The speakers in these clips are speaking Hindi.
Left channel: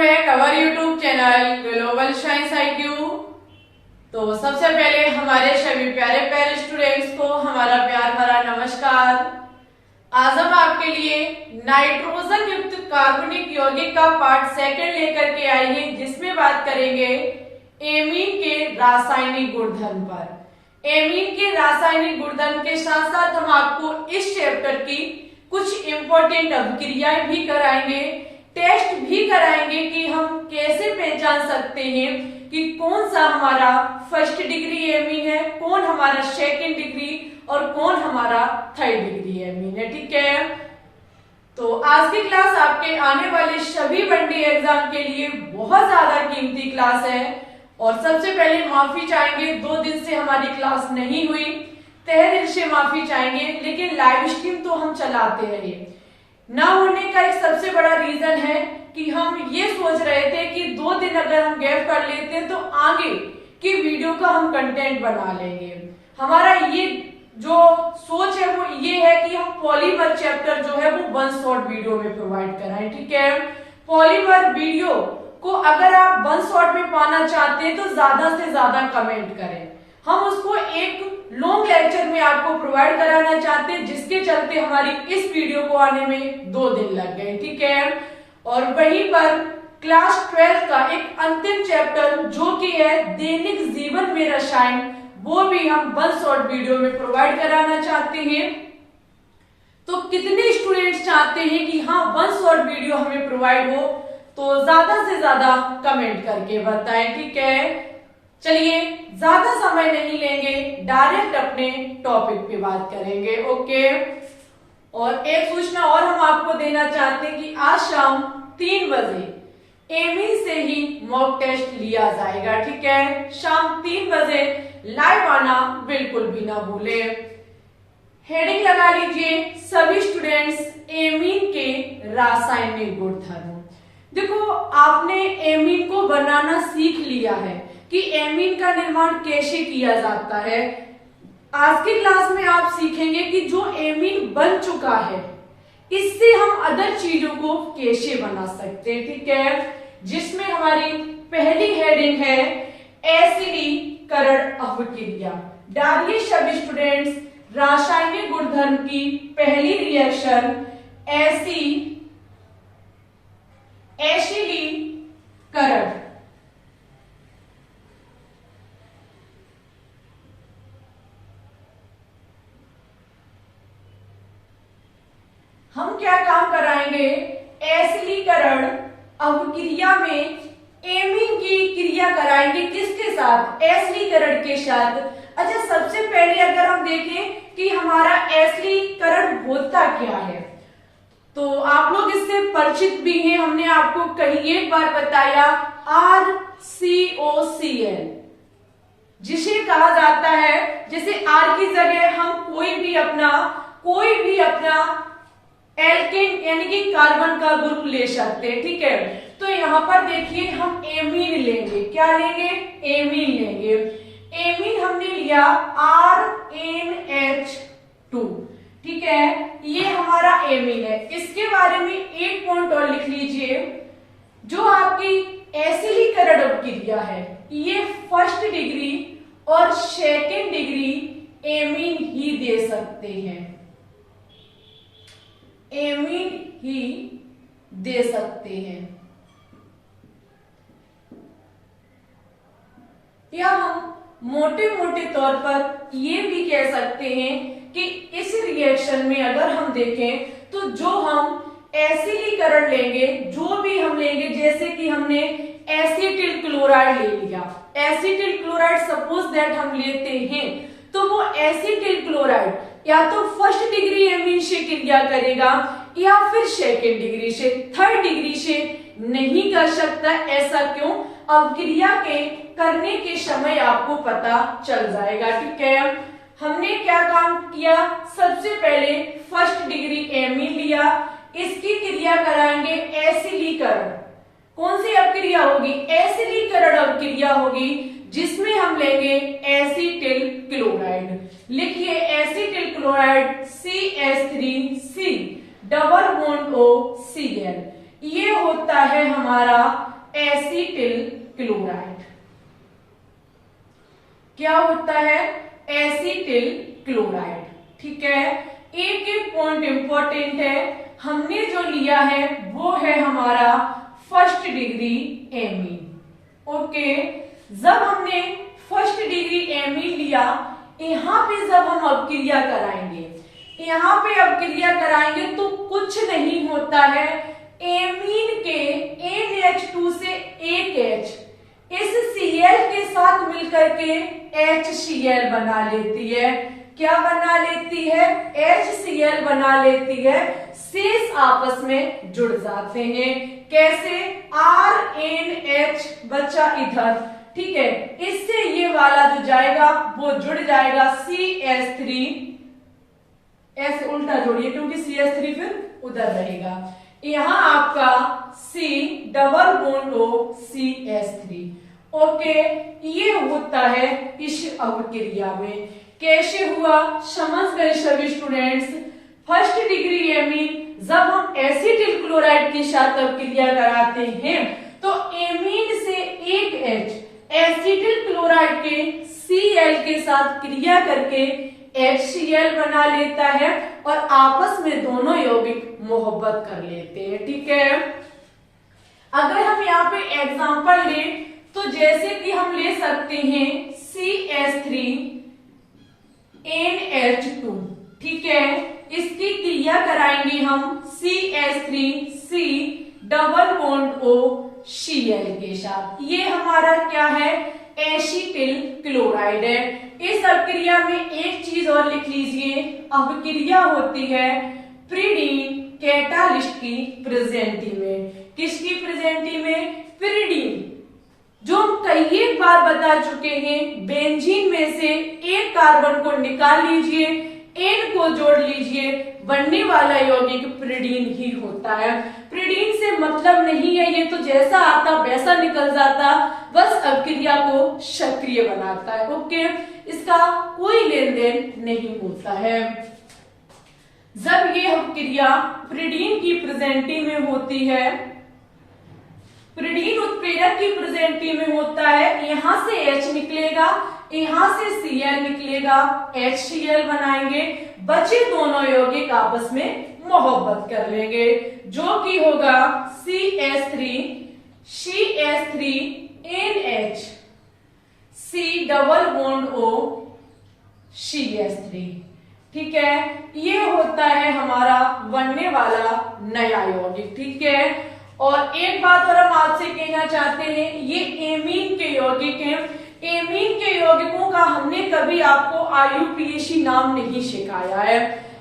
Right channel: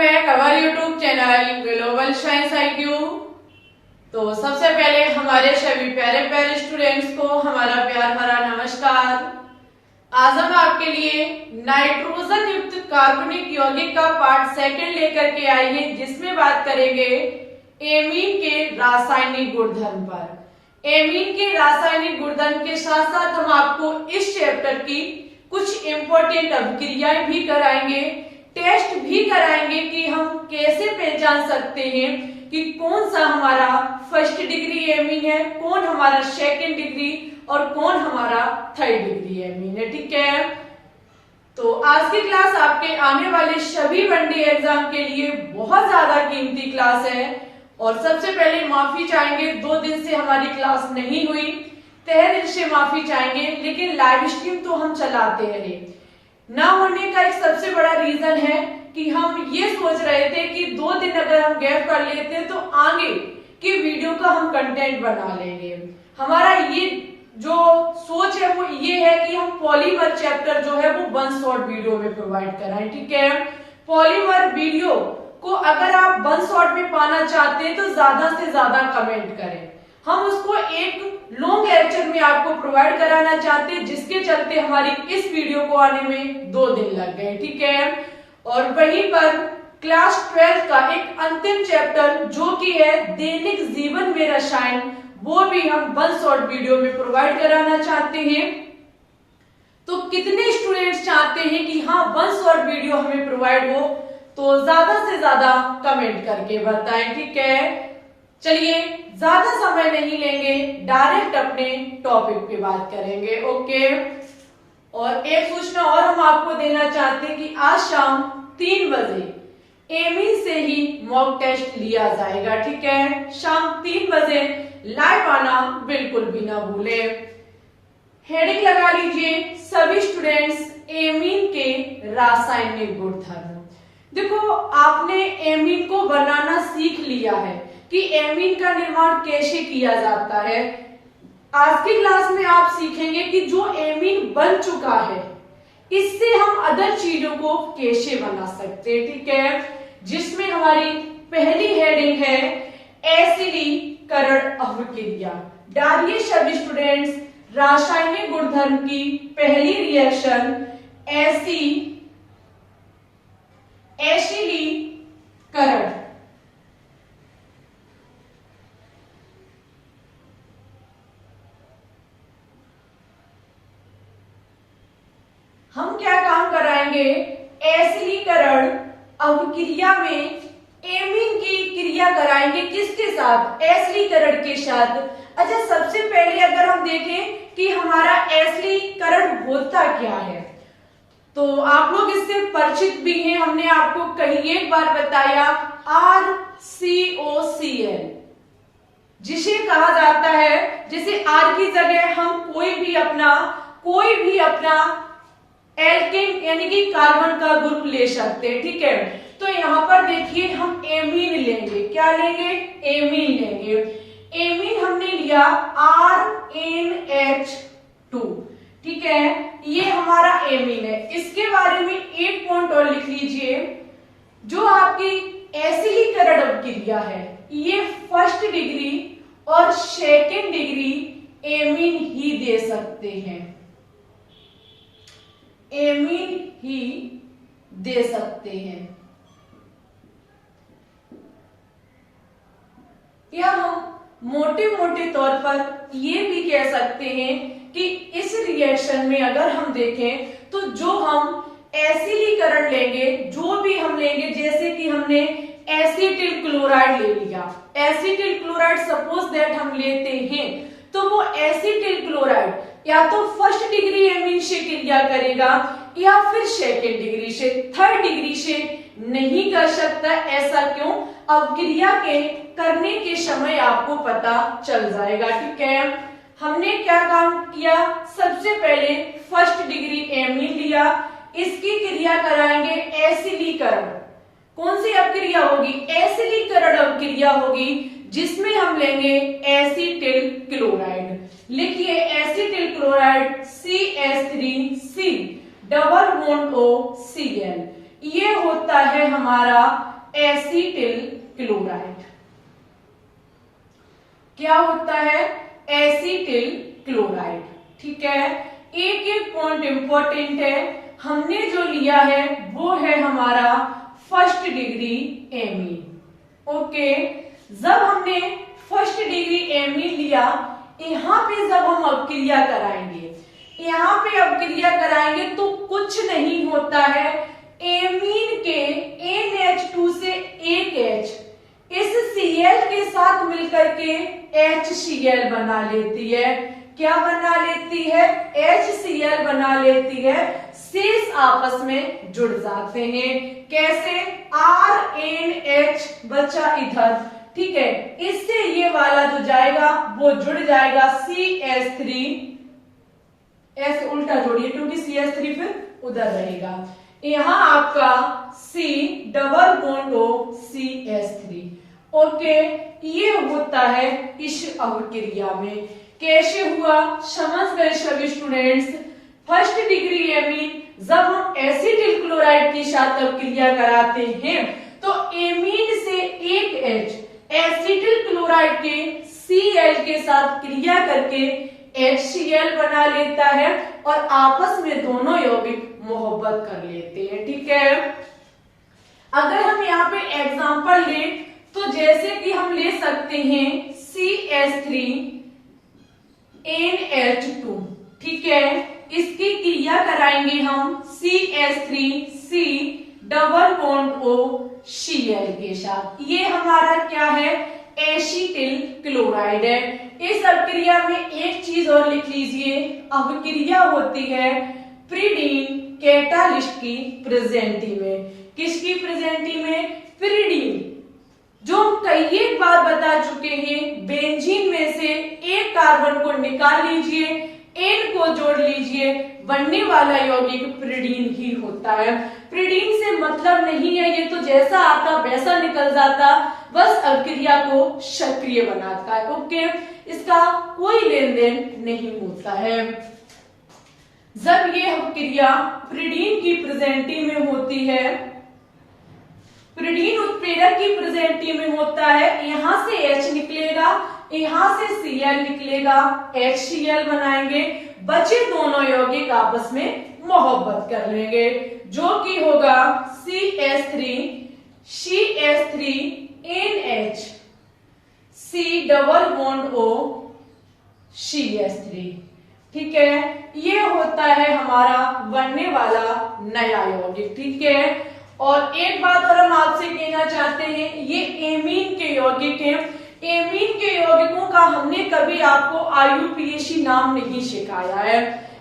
Back our YouTube channel global science IQ। तो सबसे पहले हमारे सभी प्यारे प्यारे स्टूडेंट्स को हमारा प्यार भरा नमस्कार। आज हम आपके लिए नाइट्रोजन युक्त कार्बनिक यौगिक का पार्ट सेकंड लेकर के आए हैं, जिसमें बात करेंगे एमीन के रासायनिक गुणधर्म पर। एमीन के रासायनिक गुणधर्म के साथ साथ हम आपको इस चैप्टर की कुछ इंपॉर्टेंट अभिक्रियाएं भी कराएंगे, टेस्ट भी कराएंगे कि हम कैसे पहचान सकते हैं कि कौन सा हमारा फर्स्ट डिग्री एमीन है, कौन हमारा सेकंड डिग्री और कौन हमारा थर्ड डिग्री एमीन है। ठीक है, तो आज की क्लास आपके आने वाले सभी वनडे एग्जाम के लिए बहुत ज्यादा कीमती क्लास है। और सबसे पहले माफी चाहेंगे, 2 दिन से हमारी क्लास नहीं हुई, तहे दिल से माफी चाहेंगे, लेकिन लाइव स्ट्रीम तो हम चलाते रहे। ना होने का एक सबसे बड़ा रीजन है कि हम ये सोच रहे थे कि 2 दिन अगर हम गैप कर लेते हैं तो आगे की वीडियो का हम कंटेंट बना लेंगे। हमारा ये जो सोच है वो ये है कि हम पॉलीमर चैप्टर जो है वो 1 शॉर्ट वीडियो में प्रोवाइड कराएं। ठीक है, पॉलीमर वीडियो को अगर आप 1 शॉर्ट में पाना चाहते हैं तो ज्यादा से ज्यादा कमेंट करें। हम उसको एक लॉन्ग लेक्चर में आपको प्रोवाइड कराना चाहते हैं, जिसके चलते हमारी इस वीडियो को आने में 2 दिन लग गए। ठीक है, और वहीं पर क्लास 12 का एक अंतिम चैप्टर जो कि है दैनिक जीवन में रसायन, वो भी हम 1 शॉर्ट वीडियो में प्रोवाइड कराना चाहते हैं। तो कितने स्टूडेंट्स चाहते हैं कि हाँ 1 शॉर्ट वीडियो हमें प्रोवाइड हो, तो ज्यादा से ज्यादा कमेंट करके बताएं। ठीक है, चलिए ज्यादा समय नहीं लेंगे, डायरेक्ट अपने टॉपिक पे बात करेंगे। ओके, और एक सूचना और हम आपको देना चाहते हैं कि आज शाम 3 बजे एमीन से ही मॉक टेस्ट लिया जाएगा। ठीक है, शाम 3 बजे लाइव आना बिल्कुल भी ना भूले। हेडिंग लगा लीजिए, सभी स्टूडेंट्स एमीन के रासायनिक गुणधर्म। देखो, आपने एमीन को बनाना सीख लिया है कि एमीन का निर्माण कैसे किया जाता है। आज की क्लास में आप सीखेंगे कि जो एमीन बन चुका है इससे हम अदर चीजों को कैसे बना सकते हैं। ठीक है, जिसमें हमारी पहली हेडिंग है एसिडीकरण अभिक्रिया। डालिए सभी स्टूडेंट्स रासायनिक गुणधर्म की पहली रिएक्शन एसिडीकरण। हम क्या काम कराएंगे, एसिडीकरण अभिक्रिया में एमीन की क्रिया कराएंगे। किसके साथ? एसिडीकरण के साथ। अच्छा, सबसे पहले अगर हम देखें कि हमारा एसिडीकरण होता क्या है, तो आप लोग इससे परिचित भी हैं। हमने आपको कहीं एक बार बताया RCOCl, जिसे कहा जाता है, जैसे R की जगह हम कोई भी अपना एल्केन यानी कि कार्बन का ग्रुप ले सकते हैं। ठीक है, तो यहां पर देखिए हम एमीन लेंगे। क्या लेंगे? एमीन लेंगे। एमीन हमने लिया RNH2। ठीक है, ये हमारा एमीन है। इसके बारे में एक पॉइंट और लिख लीजिए, जो आपकी एसिडीकरण अभिक्रिया है ये फर्स्ट डिग्री और सेकेंड डिग्री एमीन ही दे सकते हैं, एमीन ही दे सकते हैं। या हम मोटे मोटे तौर पर ये भी कह सकते हैं कि इस रिएक्शन में अगर हम देखें तो जो हम एसिडीकरण लेंगे, जो भी हम लेंगे, जैसे कि हमने एसिटिल क्लोराइड ले लिया, एसिटिल क्लोराइड सपोज दैट हम लेते हैं, तो वो एसिटिल क्लोराइड या तो फर्स्ट डिग्री एमीन से क्रिया करेगा या फिर सेकेंड डिग्री से, थर्ड डिग्री से नहीं कर सकता। ऐसा क्यों? अभिक्रिया के करने के समय आपको पता चल जाएगा। ठीक है, हमने क्या काम किया, सबसे पहले फर्स्ट डिग्री एमीन लिया, इसकी क्रिया कराएंगे एसिडीकरण। कौन सी अभिक्रिया होगी? एसिडीकरण अभिक्रिया होगी, जिसमें हम लेंगे एसिटिल क्लोराइड। लिखिए acetyl chloride CH3C double bond OCl। ये होता है हमारा एसीटिल क्लोराइड। क्या होता है? Acetyl chloride. ठीक है, एक एक पॉइंट इंपॉर्टेंट है। हमने जो लिया है वो है हमारा फर्स्ट डिग्री एमीन। ओके, जब हमने फर्स्ट डिग्री एमीन लिया, यहां पे जब हम अपक्रिया कराएंगे, यहां पे अपक्रिया कराएंगे तो कुछ नहीं होता है, एमीन के NH2 से एक H इस Cl के साथ मिलकर के HCl बना लेती है। क्या बना लेती है? HCl बना लेती है। शेष आपस में जुड़ जाते हैं। कैसे? RNH बचा इधर। ठीक है, इससे ये वाला जो जाएगा वो जुड़ जाएगा CH3, S उल्टा जोड़िए क्योंकि CH3 फिर उधर रहेगा। यहां आपका C double bond O CH3। Okay, ये होता है इस अपक्रिया में। कैसे हुआ समझ गए सभी स्टूडेंट्स? फर्स्ट डिग्री एमीन जब हम एसिटिल क्लोराइड के साथ अपक्रिया कराते हैं तो एमीन से एक H एसिटिल क्लोराइड के Cl के साथ क्रिया करके HCl बना लेता है और आपस में दोनों यौगिक मोहब्बत कर लेते हैं। ठीक है, अगर हम यहाँ पे एग्जांपल लें तो जैसे कि हम ले सकते हैं CH3 NH2। ठीक है, इसकी क्रिया कराएंगे हम CH3C double bond O Cl के साथ। ये हमारा क्या है? एसिटिल क्लोराइड है। इस अपक्रिया में एक चीज और लिख लीजिए, अपक्रिया होती है प्रीडीन कैटालिस्ट की प्रेजेंटी में। किसकी प्रेजेंटी में? प्रीडीन, जो हम कई एक बार बता चुके हैं। बेंजीन में से एक कार्बन को निकाल लीजिए, N को जोड़ लीजिए, बनने वाला यौगिक प्रीडीन ही होता है। प्रीडीन से मतलब नहीं है ये तो जैसा आता वैसा निकल जाता, बस अपक्रिया को सक्रिय बनाता है। ओके, इसका कोई लेन देन नहीं होता है। जब ये अपक्रिया प्रीडीन की प्रेजेंटी में होती है, प्रीडीन उत्प्रेरक की प्रेजेंटी में होता है, यहां से H निकलेगा, यहां से Cl निकलेगा, HCl बनाएंगे, बचे दोनों यौगिक आपस में मोहब्बत कर लेंगे, जो कि होगा CH3 NH C double bond O CH3। ठीक है, ये होता है हमारा बनने वाला नया यौगिक। ठीक है, और एक बात और हम आपसे कहना चाहते हैं, ये एमीन के यौगिक हैं। एमीन के यौगिकों का हमने कभी आपको IUPAC नाम नहीं सिखाया है।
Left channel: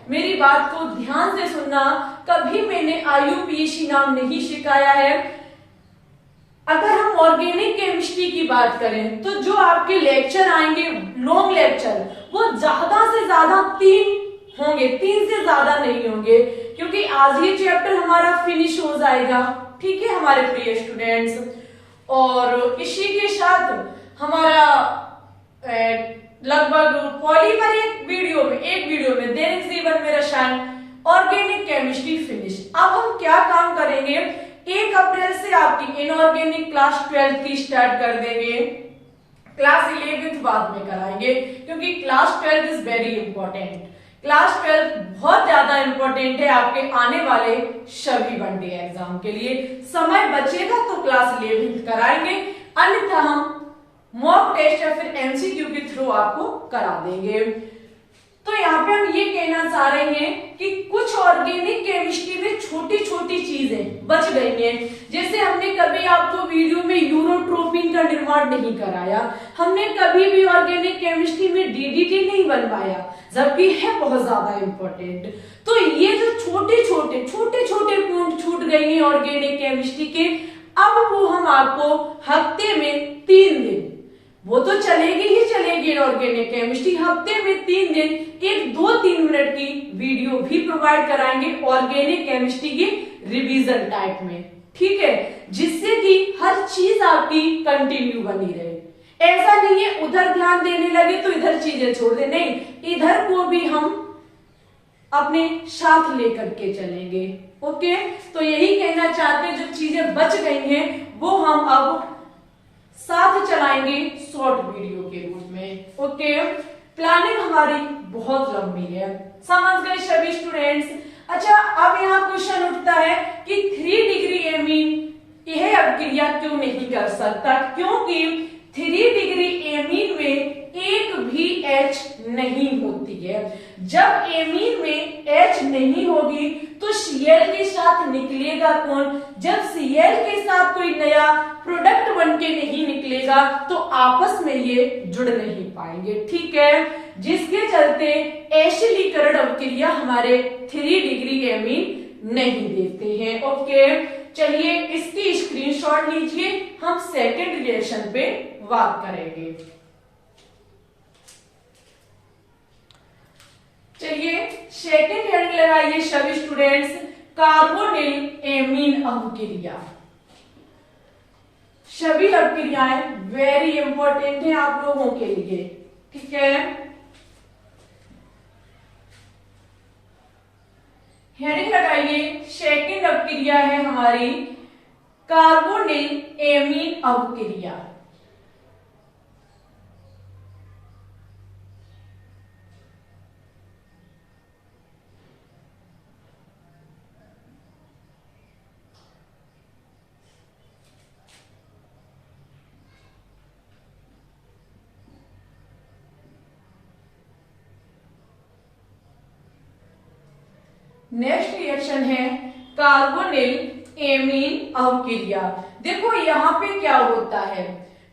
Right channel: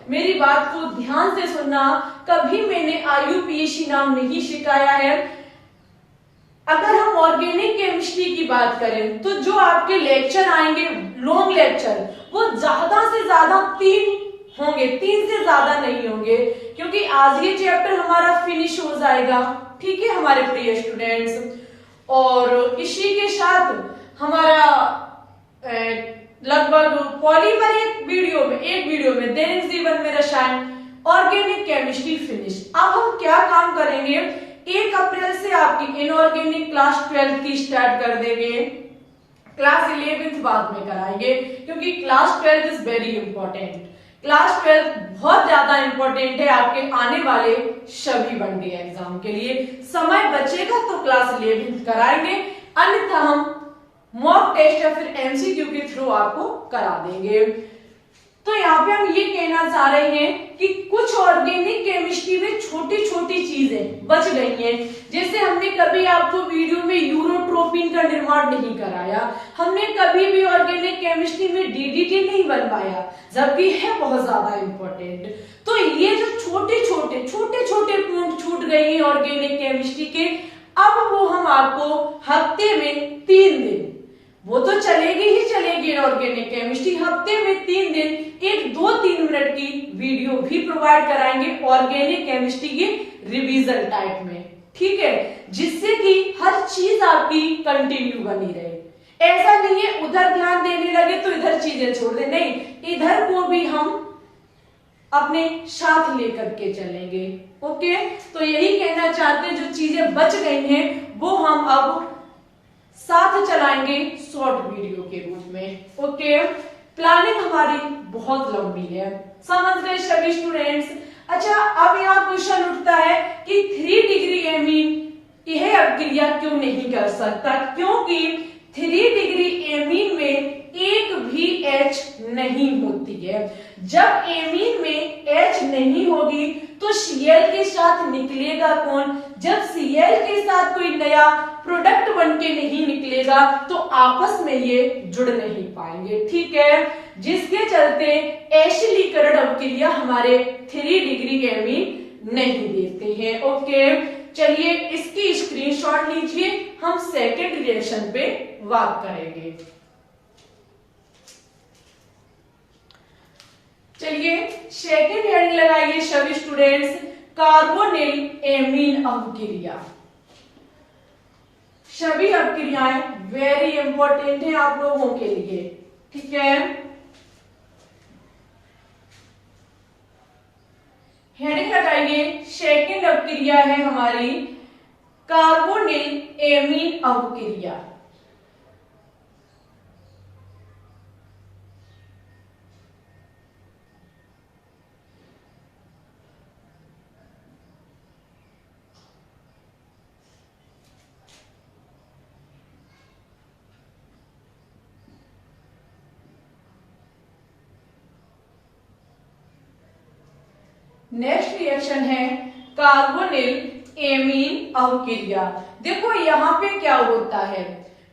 मेरी बात को ध्यान से सुनना, कभी मैंने IUPAC नाम नहीं सिखाया है। अगर हम ऑर्गेनिक केमिस्ट्री की बात करें तो जो आपके लेक्चर आएंगे लॉन्ग लेक्चर, वो ज्यादा से ज्यादा 3 होंगे, 3 से ज्यादा नहीं होंगे, क्योंकि आज ये चैप्टर हमारा फिनिश हो जाएगा। ठीक है हमारे प्रिय स्टूडेंट्स, और इसी के साथ हमारा लगभग पॉलीमर एक वीडियो में दैनिक जीवन में रसायन ऑर्गेनिक केमिस्ट्री फिनिश। अब हम क्या काम करेंगे, 1 अप्रैल से आपकी इनऑर्गेनिक क्लास 12 की स्टार्ट कर देंगे, क्लास 11th बाद में कराएंगे, क्योंकि class 12 is very important. Class 12 बहुत ज्यादा इंपॉर्टेंट है आपके आने वाले सभी वनडे एग्जाम के लिए। समय बचेगा तो क्लास 11th कराएंगे, अन्यथा हम मॉक टेस्ट या फिर MCQ के थ्रू आपको करा देंगे। तो यहाँ पे हम ये कहना चाह रहे हैं कि कुछ ऑर्गेनिक केमिस्ट्री में छोटी छोटी चीजें बच गई हैं। जैसे हमने कभी आपको वीडियो में यूरोट्रोपिन का निर्माण नहीं कराया, हमने कभी भी ऑर्गेनिक केमिस्ट्री में DDT नहीं बनवाया, जबकि है बहुत ज्यादा इंपॉर्टेंट। तो ये जो छोटे छोटे पॉइंट छूट गए हैं ऑर्गेनिक केमिस्ट्री के, अब वो हम आपको हफ्ते में 3 दिन, वो तो चलेगी ही चलेगी ऑर्गेनिक केमिस्ट्री, हफ्ते में 3 दिन एक 2-3 मिनट की वीडियो भी प्रोवाइड कराएंगे ऑर्गेनिक केमिस्ट्री के रिवीजन टाइप में। ठीक है, जिससे कि हर चीज आपकी कंटिन्यू बनी रहे। ऐसा नहीं है उधर ध्यान देने लगे तो इधर चीजें छोड़ दे, नहीं, इधर को भी हम अपने साथ लेकर के चलेंगे। ओके, तो यही कहना चाहते हैं, जो चीजें बच गई हैं वो हम अब साथ चलाएंगे शॉर्ट वीडियो के रूप में। ओके, प्लानिंग हमारी बहुत लंबी है, समझ गए सभी स्टूडेंट्स। अच्छा, अब यहाँ क्वेश्चन उठता है कि 3 डिग्री एमीन यह अभिक्रिया क्यों नहीं कर सकता, क्योंकि 3 डिग्री एमीन में एक भी H नहीं होती है। जब एमीन में H नहीं होगी तो Cl के साथ निकलेगा कौन? जब Cl के साथ कोई नया प्रोडक्ट बन के नहीं निकलेगा तो आपस में ये जुड़ नहीं पाएंगे। ठीक है, जिसके चलते एशिलीकरण अभिक्रिया हमारे 3 डिग्री एमीन नहीं देते हैं। ओके, चलिए इसकी स्क्रीनशॉट लीजिए, हम सेकंड रिएक्शन पे बात करेंगे। चलिए सेकंड हेडिंग लगाइए सभी स्टूडेंट्स, कार्बोनिल एमीन अभिक्रिया। सभी अभिक्रियाएं वेरी इंपॉर्टेंट है आप लोगों के लिए। ठीक है, हेडिंग लगाइए, सेकंड अभिक्रिया है हमारी कार्बोनिल एमीन अभिक्रिया। नेक्स्ट रिएक्शन है कार्बोनिल एमीन अभिक्रिया। देखो यहाँ पे क्या होता है,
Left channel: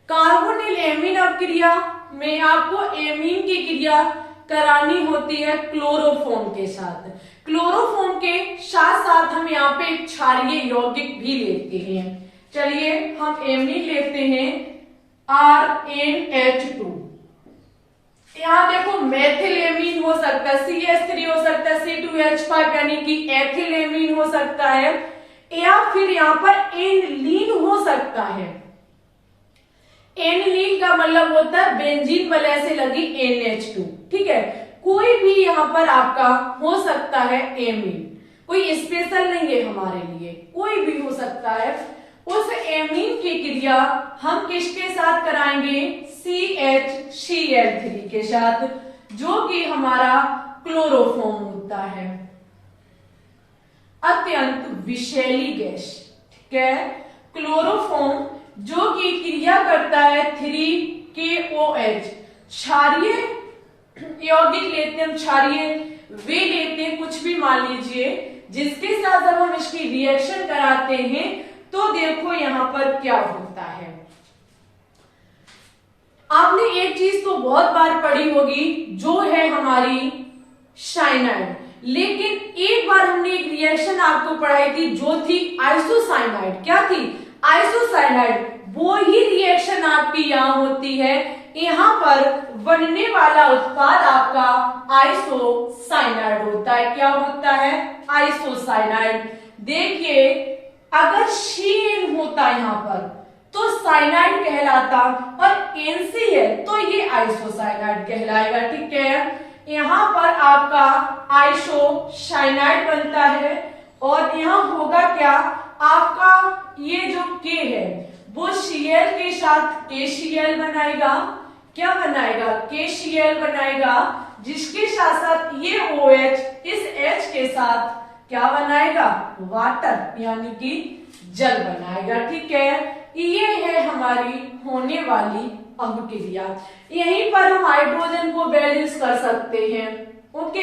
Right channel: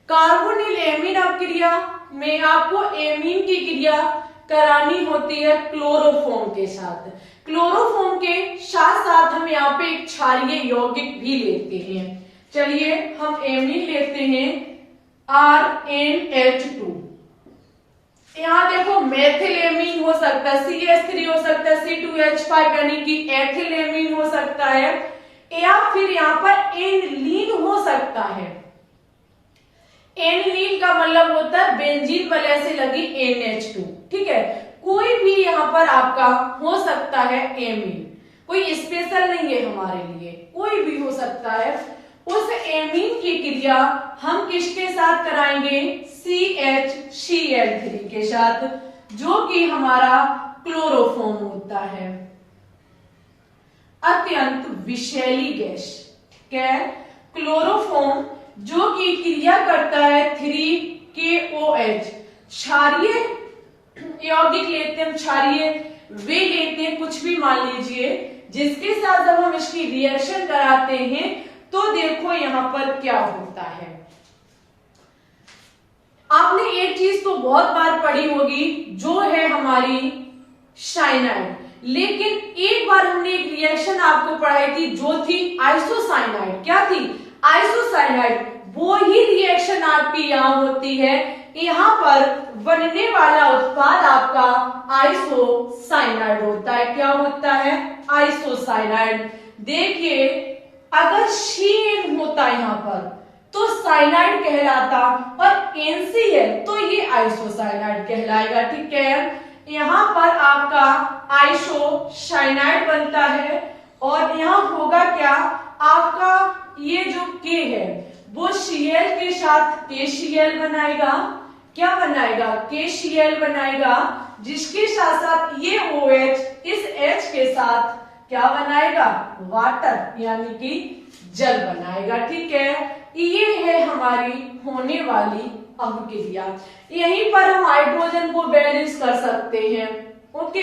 कार्बोनिल एमीन अभिक्रिया में आपको एमीन की क्रिया करानी होती है क्लोरोफॉर्म के साथ। क्लोरोफॉर्म के साथ साथ हम यहाँ पे एक क्षारीय यौगिक भी लेते हैं। चलिए हम एमीन लेते हैं RnH2। यहाँ देखो मेथिलेमीन हो सकता है, CH3 हो सकता है, C2H5 यानी कि एथिलेमीन हो सकता है, या फिर यहाँ पर एनलीन हो सकता है। एनलीन का मतलब होता है बेंजीन वलय से लगी NH2। ठीक है, कोई भी यहाँ पर आपका हो सकता है एमीन, कोई स्पेशल नहीं है हमारे लिए, कोई भी हो सकता है। उस एमीन की क्रिया हम किसके साथ कराएंगे? CHCl3 के साथ, जो कि हमारा क्लोरोफॉर्म होता है, अत्यंत विषैली गैस। ठीक है, क्लोरोफॉर्म जो कि क्रिया करता है 3KOH, क्षारीय यौगिक लेते हैं, क्षारीय वे लेते हैं, कुछ भी मान लीजिए, जिसके साथ जब हम इसकी रिएक्शन कराते हैं तो देखो यहां पर क्या होता है। आपने एक चीज तो बहुत बार पढ़ी होगी, जो है हमारी साइनाइड, लेकिन एक बार हमने एक रिएक्शन आपको पढ़ाई थी जो थी आइसोसाइनाइड। क्या थी? आइसोसाइनाइड। वो ही रिएक्शन आपकी यहां होती है, यहां पर बनने वाला उत्पाद आपका आइसोसाइनाइड होता है। क्या होता है? आइसोसाइनाइड। देखिए अगर CN होता यहाँ पर तो साइनाइड कहलाता, और NC है तो ये आइसोसाइनाइड कहलाएगा। ठीक है, यहाँ पर आपका आइसोसाइनाइड बनता है, और यहाँ होगा क्या, आपका ये जो K है वो Cl के साथ KCl बनाएगा। क्या बनाएगा? KCl बनाएगा, जिसके साथ साथ ये OH इस H के साथ क्या बनाएगा? वाटर यानी कि जल बनाएगा। ठीक है, ये है हमारी होने वाली अभिक्रिया। यहीं पर हम हाइड्रोजन को बैलेंस कर सकते हैं। ओके,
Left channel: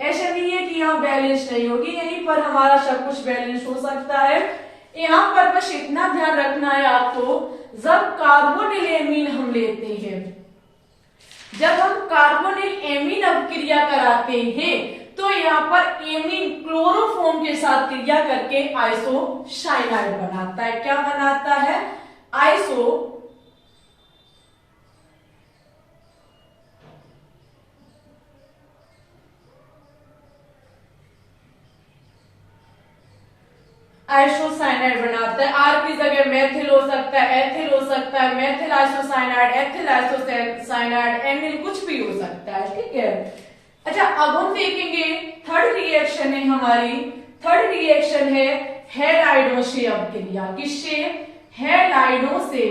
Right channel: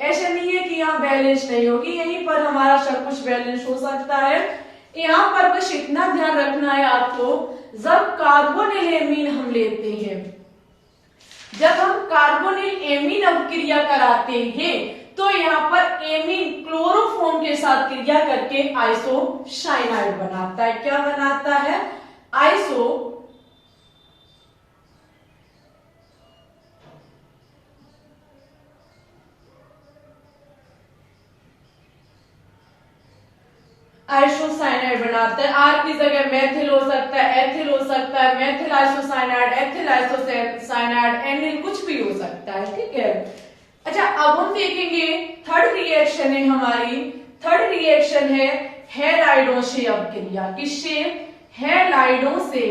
ऐसा नहीं है कि यहाँ बैलेंस नहीं होगी, यहीं पर हमारा सब कुछ बैलेंस हो सकता है। यहाँ पर बस इतना ध्यान रखना है आपको, जब कार्बोनिल एमीन हम लेते हैं, जब हम कार्बोनिल एमीन अभिक्रिया कराते हैं तो यहाँ पर एमीन क्लोरोफॉर्म के साथ क्रिया करके आइसोसाइनाइड बनाता है। क्या बनाता है? आइसोसाइनाइड बनाता है। आर की जगह मेथिल हो सकता है, एथिल हो सकता है, मेथिल आइसोसाइनाइड, एथिल आइसोसाइनाइड, एनिल, कुछ भी हो सकता है। ठीक है, अच्छा अब हम देखेंगे थर्ड रिएक्शन है हमारी, थर्ड रिएक्शन है हैलाइडों से अवक्रिया। किससे? हैलाइडों से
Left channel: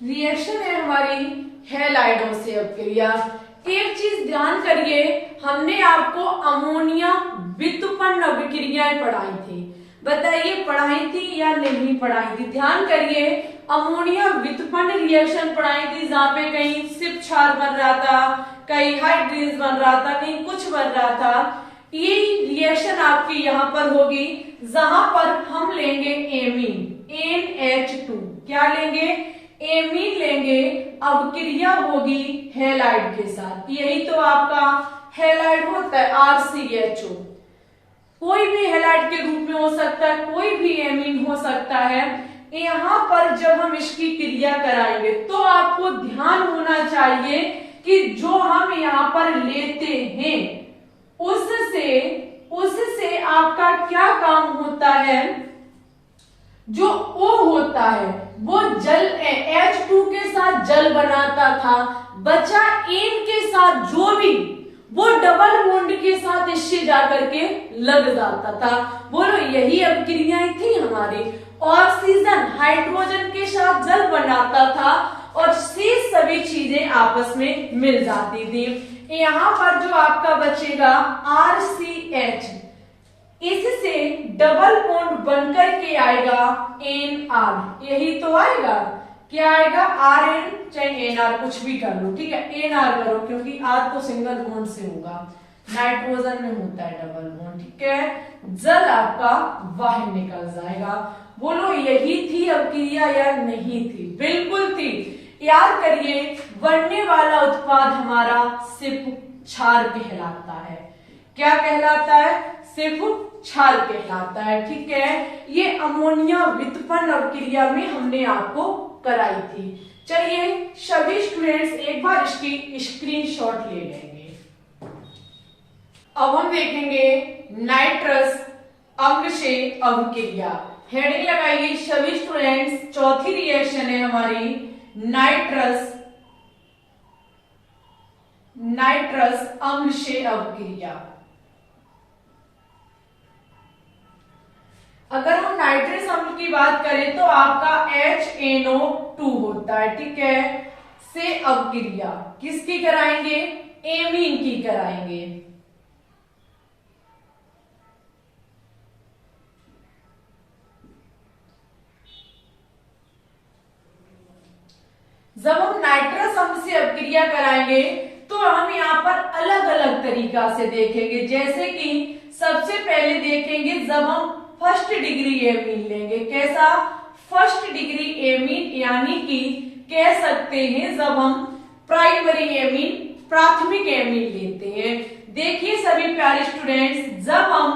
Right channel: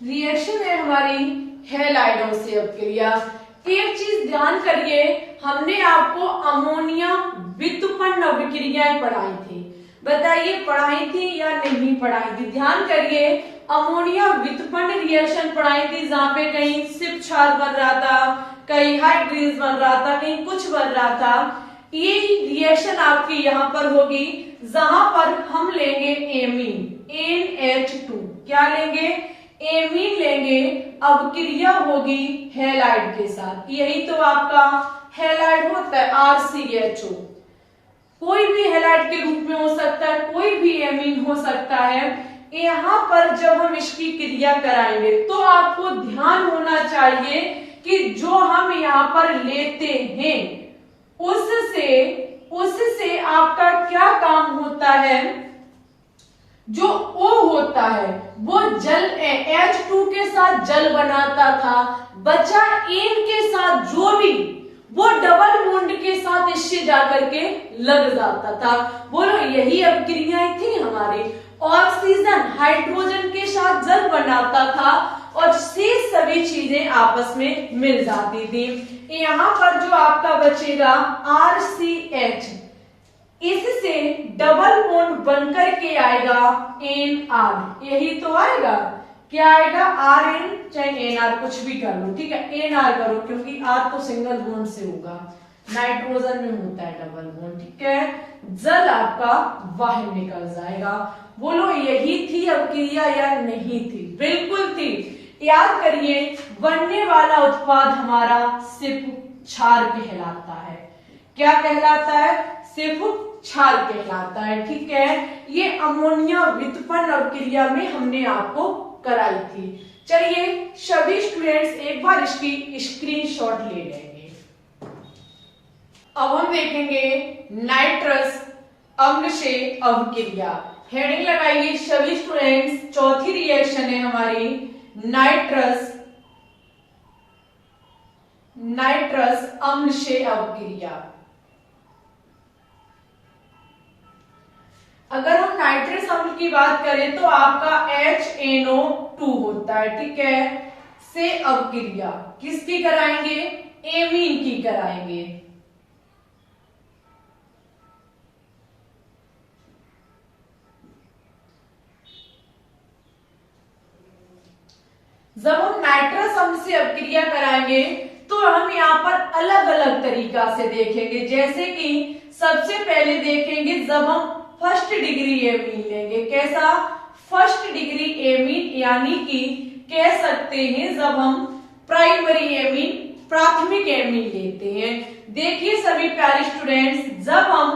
रिएक्शन है हमारी हैलाइडों से अवक्रिया। एक चीज ध्यान करिए, हमने आपको अमोनिया व्युत्पन्न अभिक्रियाएं पढ़ाई थी, बताइए पढ़ाई थी या नहीं पढ़ाई थी? ध्यान करिए, अमोनिया व्युत्पन्न रिएक्शन पढ़ाई थी, जहाँ पे कहीं सिर्फ क्षार बन रहा था, कहीं हाइड्रोजन बन रहा था, कहीं कुछ बन रहा था। ये रिएक्शन आपकी यहाँ पर होगी, जहां पर हम लेंगे एमीन, NH2। क्या लेंगे? एमीन लेंगे, अवक्रिया होगी हैलाइड के साथ। यही तो आपका हैलाइड होता है, RCHO। कोई भी हैलाइड के रूप में हो सकता है, कोई भी एमीन हो सकता है। यहाँ पर जब हम इसकी क्रिया कराएंगे तो आपको ध्यान होना चाहिए कि जो हम यहाँ पर लेते हैं उससे आपका क्या काम होता है? जो O होता है वो जल H2 के साथ जल बनाता था, बचा N के साथ जो भी, वो डबल बॉन्ड के साथ इससे जाकर के लग जाता था। बोलो यही अभिक्रियाएं थी हमारी। ऑक्सीजन हाइड्रोजन के साथ जल बनाता था और शेष सभी चीजें आपस में मिल जाती थी। यहाँ पर जो आपका बचेगा RCH, इससे डबल बॉन्ड बनकर के आएगा NR। यही तो आएगा, क्या आएगा? RN, चाहे NR कुछ भी कर लो, ठीक है, NR करो क्योंकि R तो सिंगल बॉन्ड से होगा, नाइट्रोजन में होता है डबल बॉन्ड, ठीक है। जल आपका बाहर निकल जाएगा। बोलो यही थी अभिक्रिया या नहीं थी? बिल्कुल थी। याद करिए, बनने वाला उत्पाद हमारा सिर्फ क्षार कहलाता है। क्या कहलाता है? सिर्फ क्षार कहलाता है, ठीक है। ये अमोनिया व्युत्पन्न अभिक्रिया में हमने आपको कराई थी। चलिए सभी स्टूडेंट्स एक बार इसकी स्क्रीनशॉट ले लेंगे। अब हम देखेंगे नाइट्रस अम्ल से अभिक्रिया। हेडिंग लगाइए सभी स्टूडेंट्स। चौथी रिएक्शन है हमारी नाइट्रस अम्ल से अभिक्रिया। अगर हम नाइट्रस अम्ल की बात करें तो आपका HNO2 होता है, ठीक है, से अभिक्रिया किसकी कराएंगे? एमीन की कराएंगे। जब हम नाइट्रस अम्ल से अभिक्रिया कराएंगे तो हम यहाँ पर अलग अलग तरीका से देखेंगे। जैसे कि सबसे पहले देखेंगे जब हम फर्स्ट डिग्री एमीन लेंगे। कैसा? फर्स्ट डिग्री एमीन, यानी कि कह सकते हैं जब हम प्राइमरी एमीन, प्राथमिक एमीन लेते हैं। देखिए सभी प्यारे स्टूडेंट्स, जब हम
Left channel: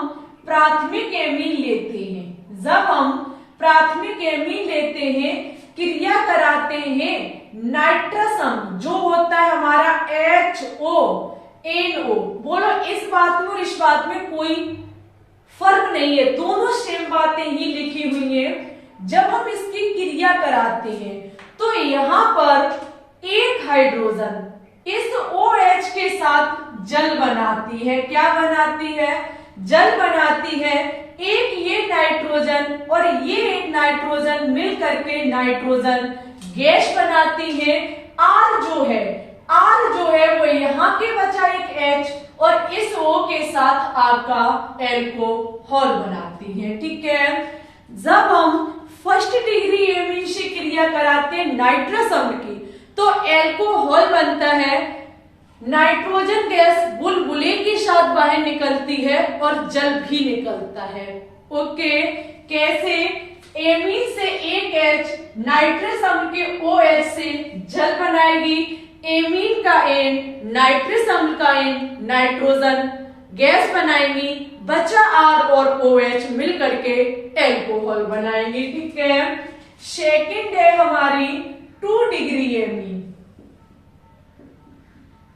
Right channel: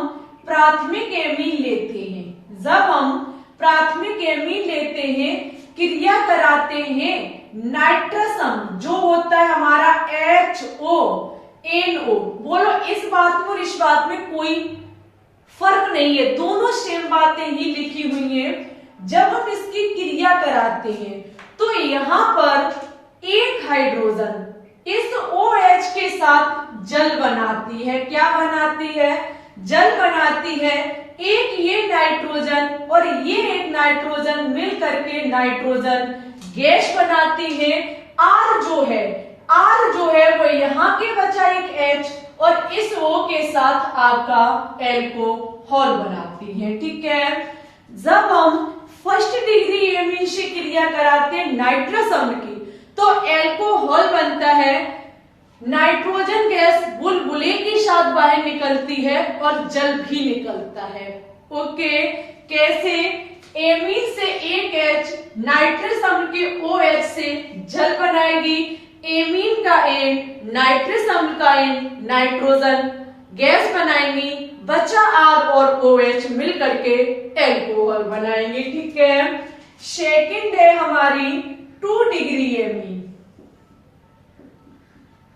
प्राथमिक एमीन लेते हैं, क्रिया कराते हैं नाइट्रस अम्ल जो होता है हमारा HONO। बोलो इस बात में और इस बात में कोई फर्क नहीं है, दोनों सेम बातें ही लिखी हुई हैं। जब हम इसकी क्रिया कराते हैं तो यहाँ पर एक हाइड्रोजन इस OH के साथ जल बनाती है। क्या बनाती है? जल बनाती है। एक ये नाइट्रोजन और ये एक नाइट्रोजन मिल करके नाइट्रोजन गैस बनाती है। R जो है वो यहाँ के बचा एक H और इस O के साथ आपका एल्कोहल बनाती है, ठीक है। जब हम फर्स्ट डिग्री एमीन से क्रिया कराते हैं नाइट्रस अम्ल की तो एल्कोहल बनता है, नाइट्रोजन गैस बुलबुले के साथ बाहर निकलती है और जल भी निकलता है। ओके, कैसे? एमीन से एक H नाइट्रस अम्ल के OH से जल बनाएगी, एमीन का N, नाइट्रस अम्ल का N, नाइट्रोजन गैस बनाएंगी, बचा R और OH मिल करके एल्कोहल बनाएंगे, ठीक है। सेकंड है हमारी 2 डिग्री एमीन।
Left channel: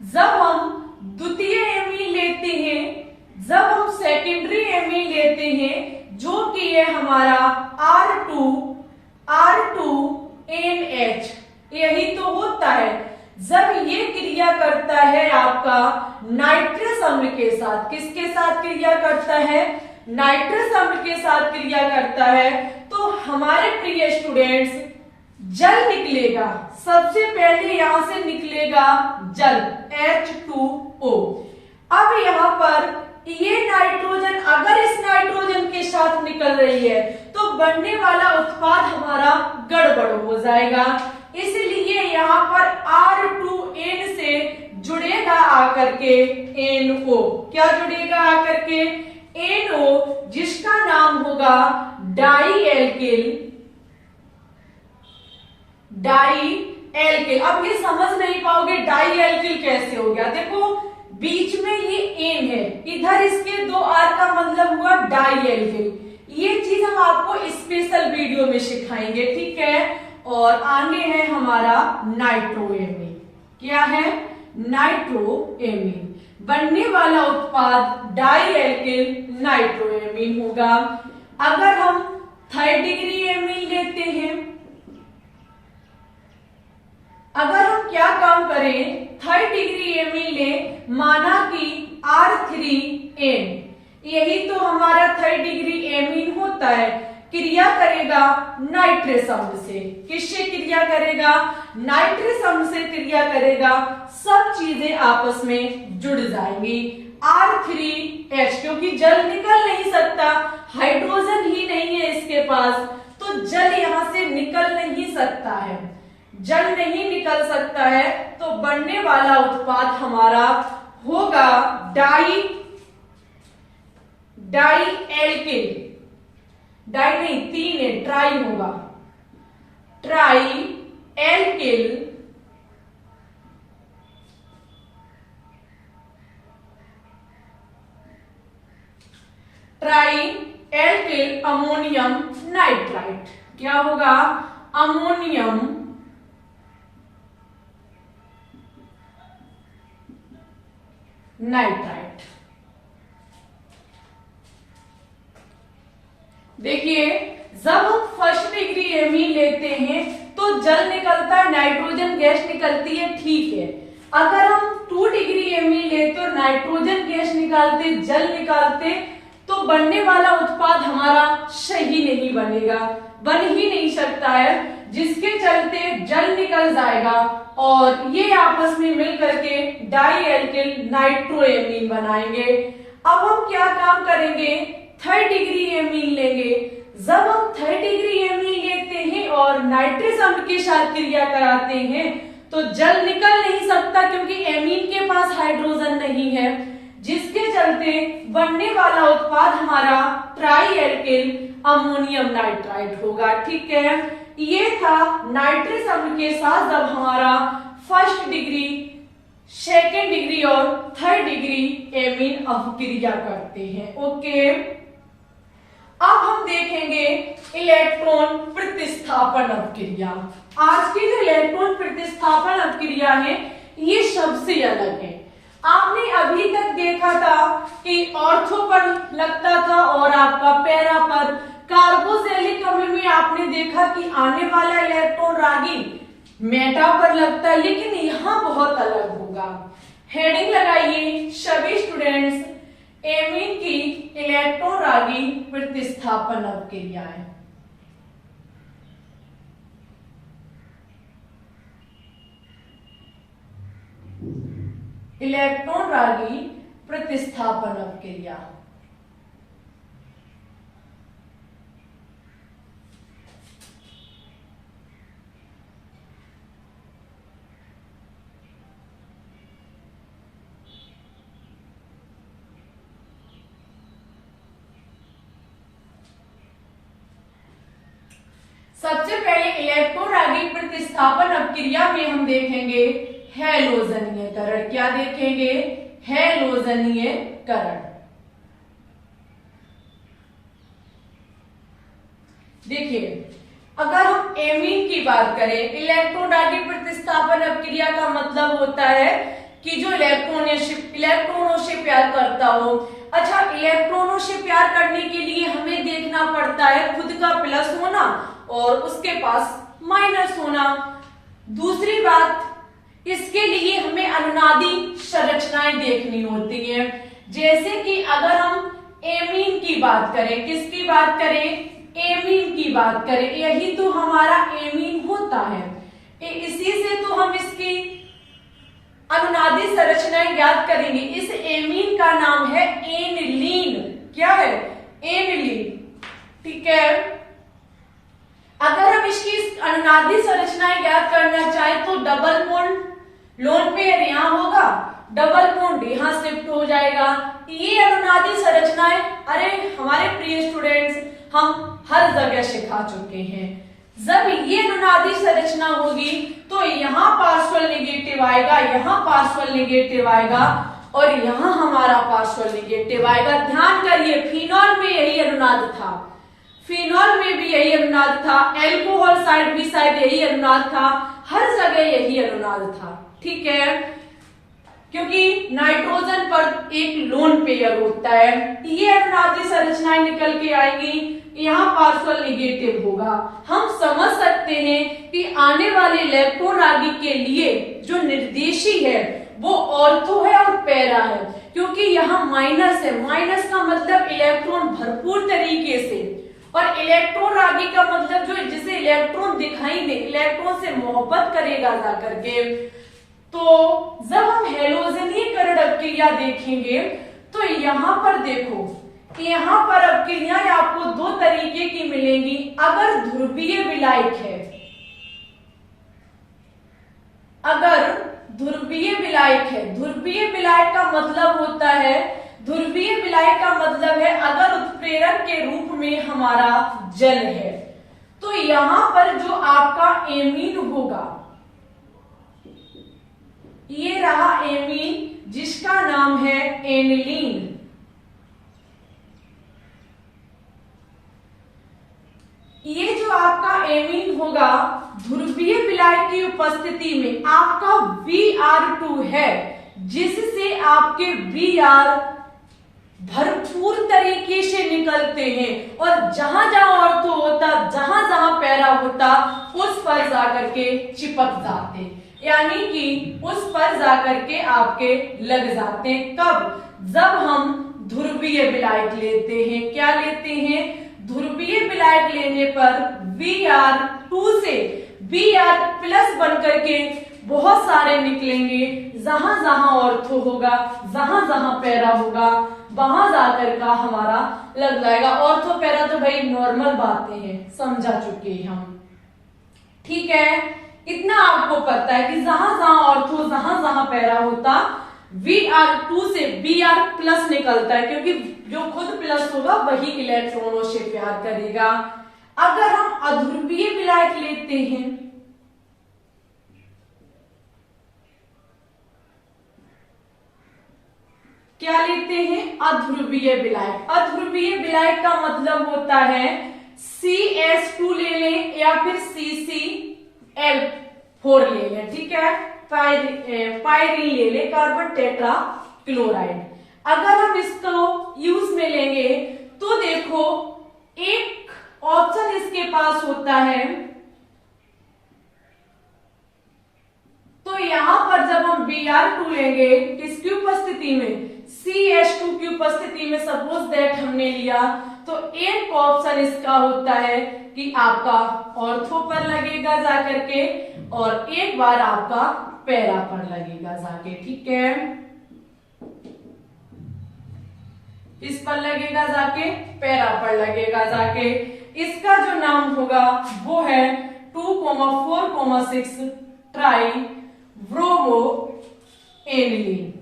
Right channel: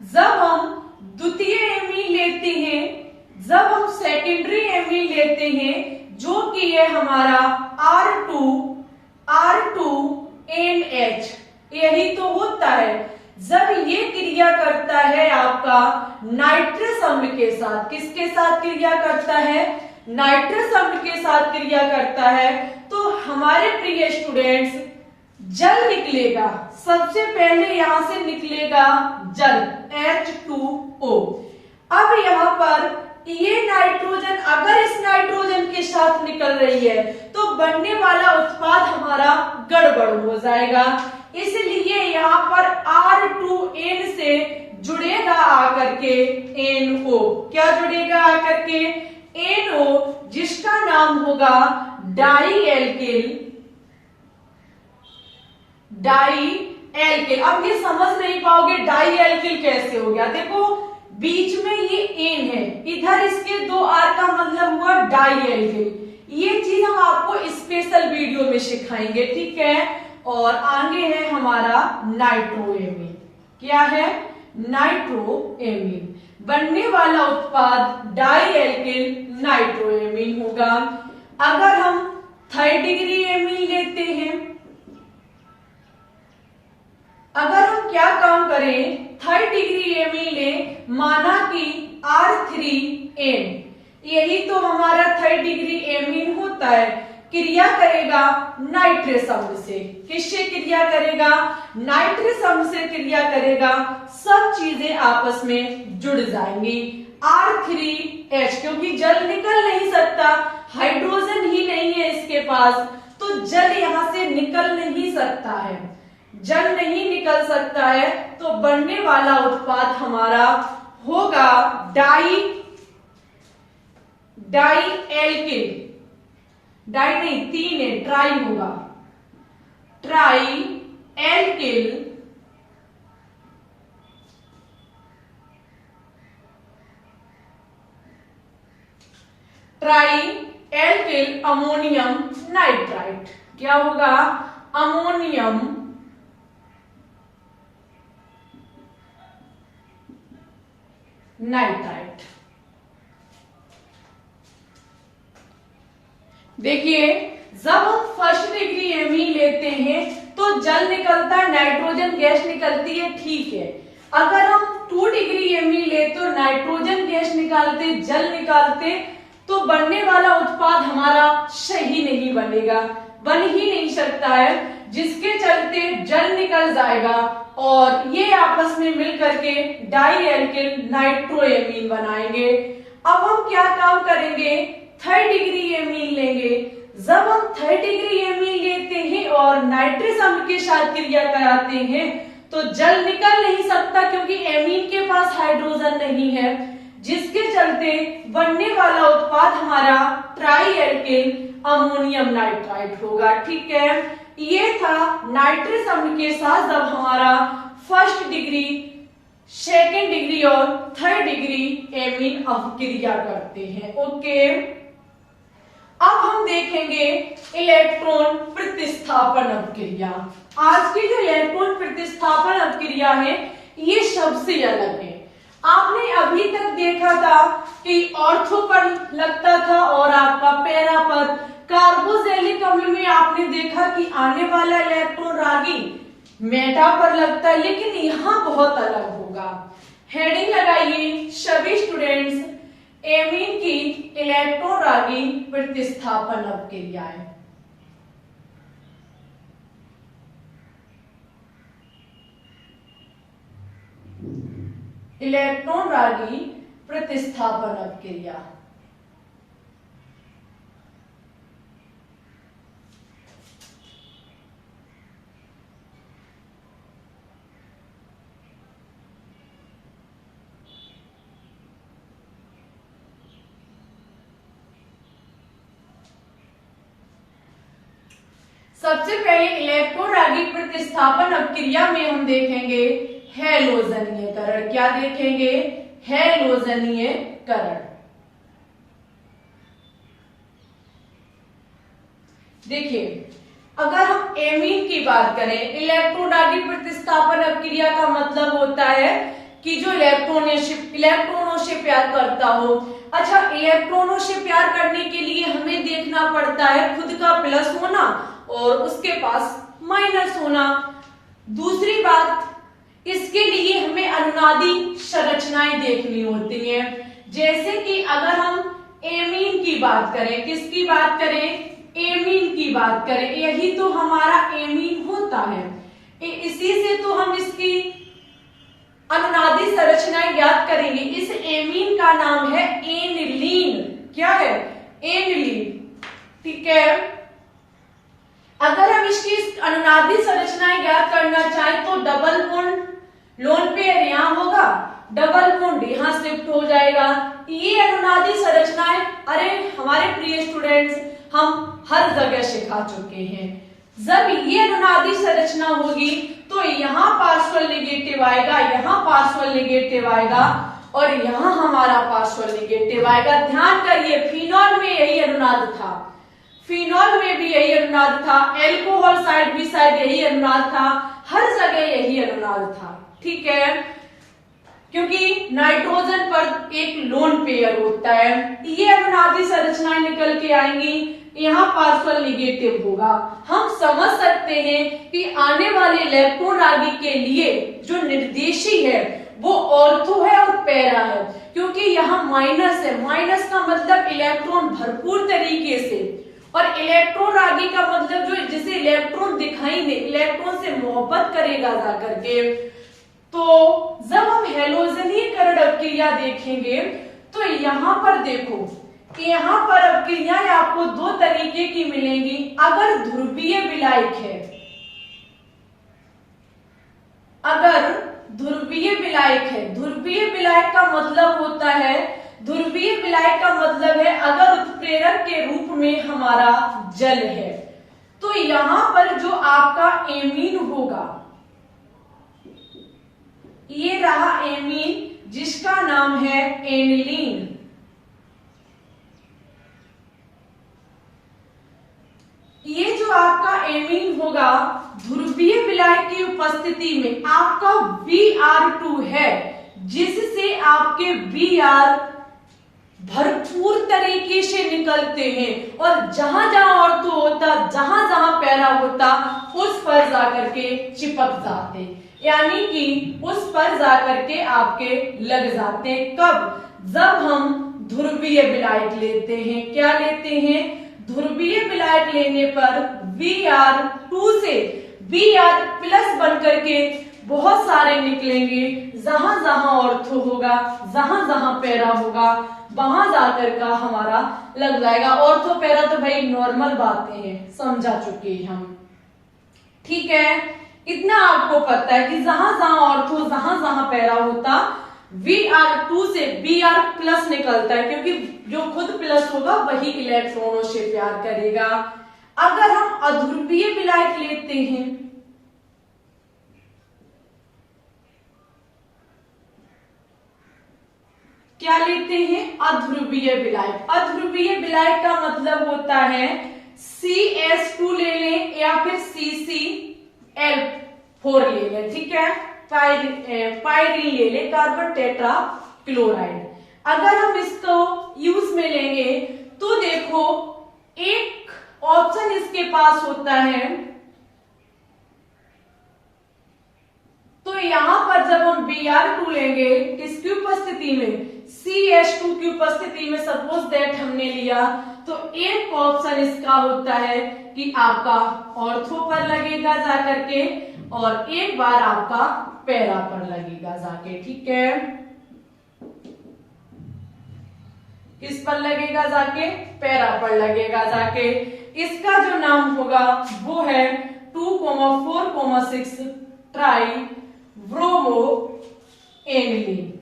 जब हम द्वितीय एमीन लेते हैं, जब हम सेकेंडरी एमीन लेते हैं, जो कि है हमारा R2NH, यही तो होता है। जब ये क्रिया करता है आपका नाइट्रस अम्ल के साथ, किसके साथ क्रिया करता है? नाइट्रस अम्ल के साथ क्रिया करता है, तो हमारे प्रिय स्टूडेंट्स जल निकलेगा। सबसे पहले यहां से निकलेगा जल H2O। अब यहां पर ये नाइट्रोजन अगर इस नाइट्रोजन के साथ निकल रही है तो बनने वाला उत्पाद हमारा गड़बड़ हो जाएगा। इसलिए यहाँ पर R2N से जुड़ेगा आकर के NO। क्या जुड़ेगा आकर के? NO, जिसका नाम होगा डाई एल्किल। अब ये समझ नहीं पाओगे डाई एल्किल कैसे हो गया। देखो बीच में ये एन है, इधर इसके 2 R का मतलब हुआ डाई एल्किल। ये चीज हम आपको स्पेशल वीडियो में सिखाएंगे, ठीक है। और आगे है हमारा नाइट्रोएमीन। क्या है? नाइट्रोएमीन। बनने वाला उत्पाद डाई एल्किल नाइट्रोएमीन होगा। अगर हम 3rd डिग्री एमीन लेते हैं, अगर हम क्या काम करें, 3rd डिग्री एमीन ले, माना कि R3N, यही तो हमारा 3rd डिग्री एमीन होता है। क्रिया करेगा नाइट्रस अम्ल से। किससे क्रिया करेगा? नाइट्रस अम्ल से क्रिया करेगा। सब चीजें आपस में जुड़ जाएंगी। R3H, क्योंकि जल निकल नहीं सकता, हाइड्रोजन ही नहीं है इसके पास, तो जल यहां से निकल नहीं सकता है। जल नहीं निकल सकता है तो बनने वाला उत्पाद हमारा होगा डाई एल्किल। डाई नहीं, 3 है, ट्राई होगा, ट्राई एल्किल अमोनियम नाइट्राइट। क्या होगा? Ammonium nitrite. देखिए जब हम 1st डिग्री एमीन लेते हैं तो जल निकलता है, नाइट्रोजन गैस निकलती है, ठीक है। अगर हम 2 डिग्री एमीन ले तो नाइट्रोजन गैस निकालते, जल निकालते, तो बनने वाला उत्पाद हमारा सही नहीं बनेगा, बन ही नहीं सकता है, जिसके चलते जल निकल जाएगा और ये आपस में मिल करके डाई एल्किल नाइट्रोएमीन बनाएंगे। अब हम क्या काम करेंगे? 3rd डिग्री एमीन लेंगे। जब हम 3rd डिग्री एमीन लेते हैं और नाइट्रस अम्ल के साथ क्रिया कराते हैं तो जल निकल नहीं सकता, क्योंकि एमीन के पास हाइड्रोजन नहीं है, जिसके चलते बनने वाला उत्पाद हमारा ट्राई एल्किल अमोनियम नाइट्राइट होगा, ठीक है। ये था नाइट्रस अम्ल के साथ जब हमारा 1st डिग्री, 2nd डिग्री और 3rd डिग्री एमीन अपक्रिया करते हैं। ओके, अब हम देखेंगे इलेक्ट्रॉन प्रतिस्थापन अपक्रिया। आज की जो इलेक्ट्रॉन प्रतिस्थापन अपक्रिया है ये सबसे अलग है। आपने अभी तक देखा था कि ऑर्थो पर लगता था और आपका पैरा पर, कार्बोक्सिलिक अम्ल में आपने देखा कि आने वाला इलेक्ट्रॉन रागी मेटा पर लगता है, लेकिन यहाँ बहुत अलग होगा। हेडिंग लगाइए सभी स्टूडेंट्स, एमीन की इलेक्ट्रॉन रागी प्रतिस्थापन अपक्रियाएं। इलेक्ट्रॉन रागी प्रतिस्थापन अपक्रिया। सबसे पहले इलेक्ट्रॉन रागी प्रतिस्थापन अपक्रिया में हम देखेंगे हैलोजनीयकरण। क्या देखेंगे? हैलोजनीयकरण। देखिए अगर हम एमीन की बात करें, इलेक्ट्रॉन रागी प्रतिस्थापन अपक्रिया का मतलब होता है कि जो इलेक्ट्रॉनों से प्यार करता हो। अच्छा, इलेक्ट्रॉनों से प्यार करने के लिए हमें देखना पड़ता है खुद का प्लस होना और उसके पास माइनस होना। दूसरी बात, इसके लिए हमें अनुनादी संरचनाएं देखनी होती है। जैसे कि अगर हम एमीन की बात करें, किसकी बात करें? एमीन की बात करें, यही तो हमारा एमीन होता है। इसी से तो हम इसकी अनुनादी संरचनाएं ज्ञात करेंगे। इस एमीन का नाम है एनिलीन। क्या है? एनिलीन। ठीक है। अगर हम इसकी अनुनादी संरचनाएं ज्ञात करना चाहें तो डबल बॉन्ड लोन पेयर यहां होगा, डबल बॉन्ड यहां शिफ्ट हो जाएगा। ये अनुनादी संरचनाएं अरे हमारे प्रिय स्टूडेंट्स हम हर जगह सिखा चुके हैं। जब ये अनुनादी संरचना होगी तो यहाँ पार्शियल नेगेटिव आएगा, यहाँ पार्शियल नेगेटिव आएगा और यहाँ हमारा पार्शियल नेगेटिव आएगा। ध्यान करिए, फिनॉल में यही अनुनाद था, फिनॉल में भी यही अनुनाद था, एल्कोहल साइड भी शायद यही अनुनाद था, हर जगह यही अनुनाद था। ठीक है, क्योंकि नाइट्रोजन पर एक लोन पेयर होता है। ये अनुनादी संरचनाएं निकल के आएंगी, यहाँ पार्शियल नेगेटिव होगा। हम समझ सकते हैं कि आने वाले इलेक्ट्रॉन रागी के लिए जो निर्देशी है वो ऑर्थो है और पैरा है, क्योंकि यहाँ माइनस है। माइनस का मतलब इलेक्ट्रॉन भरपूर तरीके से, और इलेक्ट्रॉन रागी का मतलब जो जिसे इलेक्ट्रॉन दिखाई दे, इलेक्ट्रॉन से मोहब्बत करेगा जाकर के। तो जब हम हैलोजनीकरण क्रिया देखेंगे तो यहाँ पर देखो कि यहाँ पर अपक्रियाएं आपको दो तरीके की मिलेंगी। अगर ध्रुवीय विलायक है, अगर ध्रुवीय विलायक है, ध्रुवीय विलायक का मतलब होता है, ध्रुवीय विलायक का मतलब है अगर उत्प्रेरक के रूप में हमारा जल है तो यहां पर जो आपका एमीन होगा, ये रहा एमीन जिसका नाम है एनिलीन। ये जो आपका एमीन होगा ध्रुवीय विलायक की उपस्थिति में आपका Br2 है, जिससे आपके Br भरपूर तरीके से निकलते हैं और जहां जहां ऑर्थो होता, जहां जहां पैरा होता, उस पर जाकर के चिपक जाते, यानी कि उस पर जाकर के आपके लग जाते हैं। कब? जब हम ध्रुवीय विलायक लेते हैं। क्या लेते हैं? ध्रुवीय विलायक लेने पर Br2 से Br+ बनकर के बहुत सारे निकलेंगे। जहां जहां ऑर्थो होगा, जहां जहां पैरा होगा, वहां जाकर का हमारा लग जाएगा। ऑर्थो पैरा तो भाई नॉर्मल बातें हैं, समझा चुके हैं हम। ठीक है, इतना आपको पता है कि जहां जहां ऑर्थो, जहां जहां पैरा होता, Br2 से Br+ निकलता है, क्योंकि जो खुद प्लस होगा वही इलेक्ट्रॉनों से प्यार करेगा। अगर हम अध्रुवीय विलायक लेते हैं, क्या लेते हैं? अध्रुवीय विलायक। अध्रुवीय विलायक का मतलब होता है CH2 ले लें या फिर CCl4 ले लें। ठीक है, पायरीन ले लें, कार्बन टेट्रा क्लोराइड। अगर हम इसको यूज में लेंगे तो देखो एक ऑप्शन इसके पास होता है, तो यहां पर जब हम Br2 लेंगे किसकी उपस्थिति में? CH2 की उपस्थिति में। सपोज दैट हमने लिया तो एक ऑप्शन इसका होता है कि आपका ऑर्थो पर लगेगा जाकर के और एक बार आपका पैरा पर लगेगा जाके। ठीक है, किस पर लगेगा जाके? पैरा पर लगेगा जाके। इसका जो नाम होगा वो है 2,4,6 ट्राई ब्रोमो एनिलीन।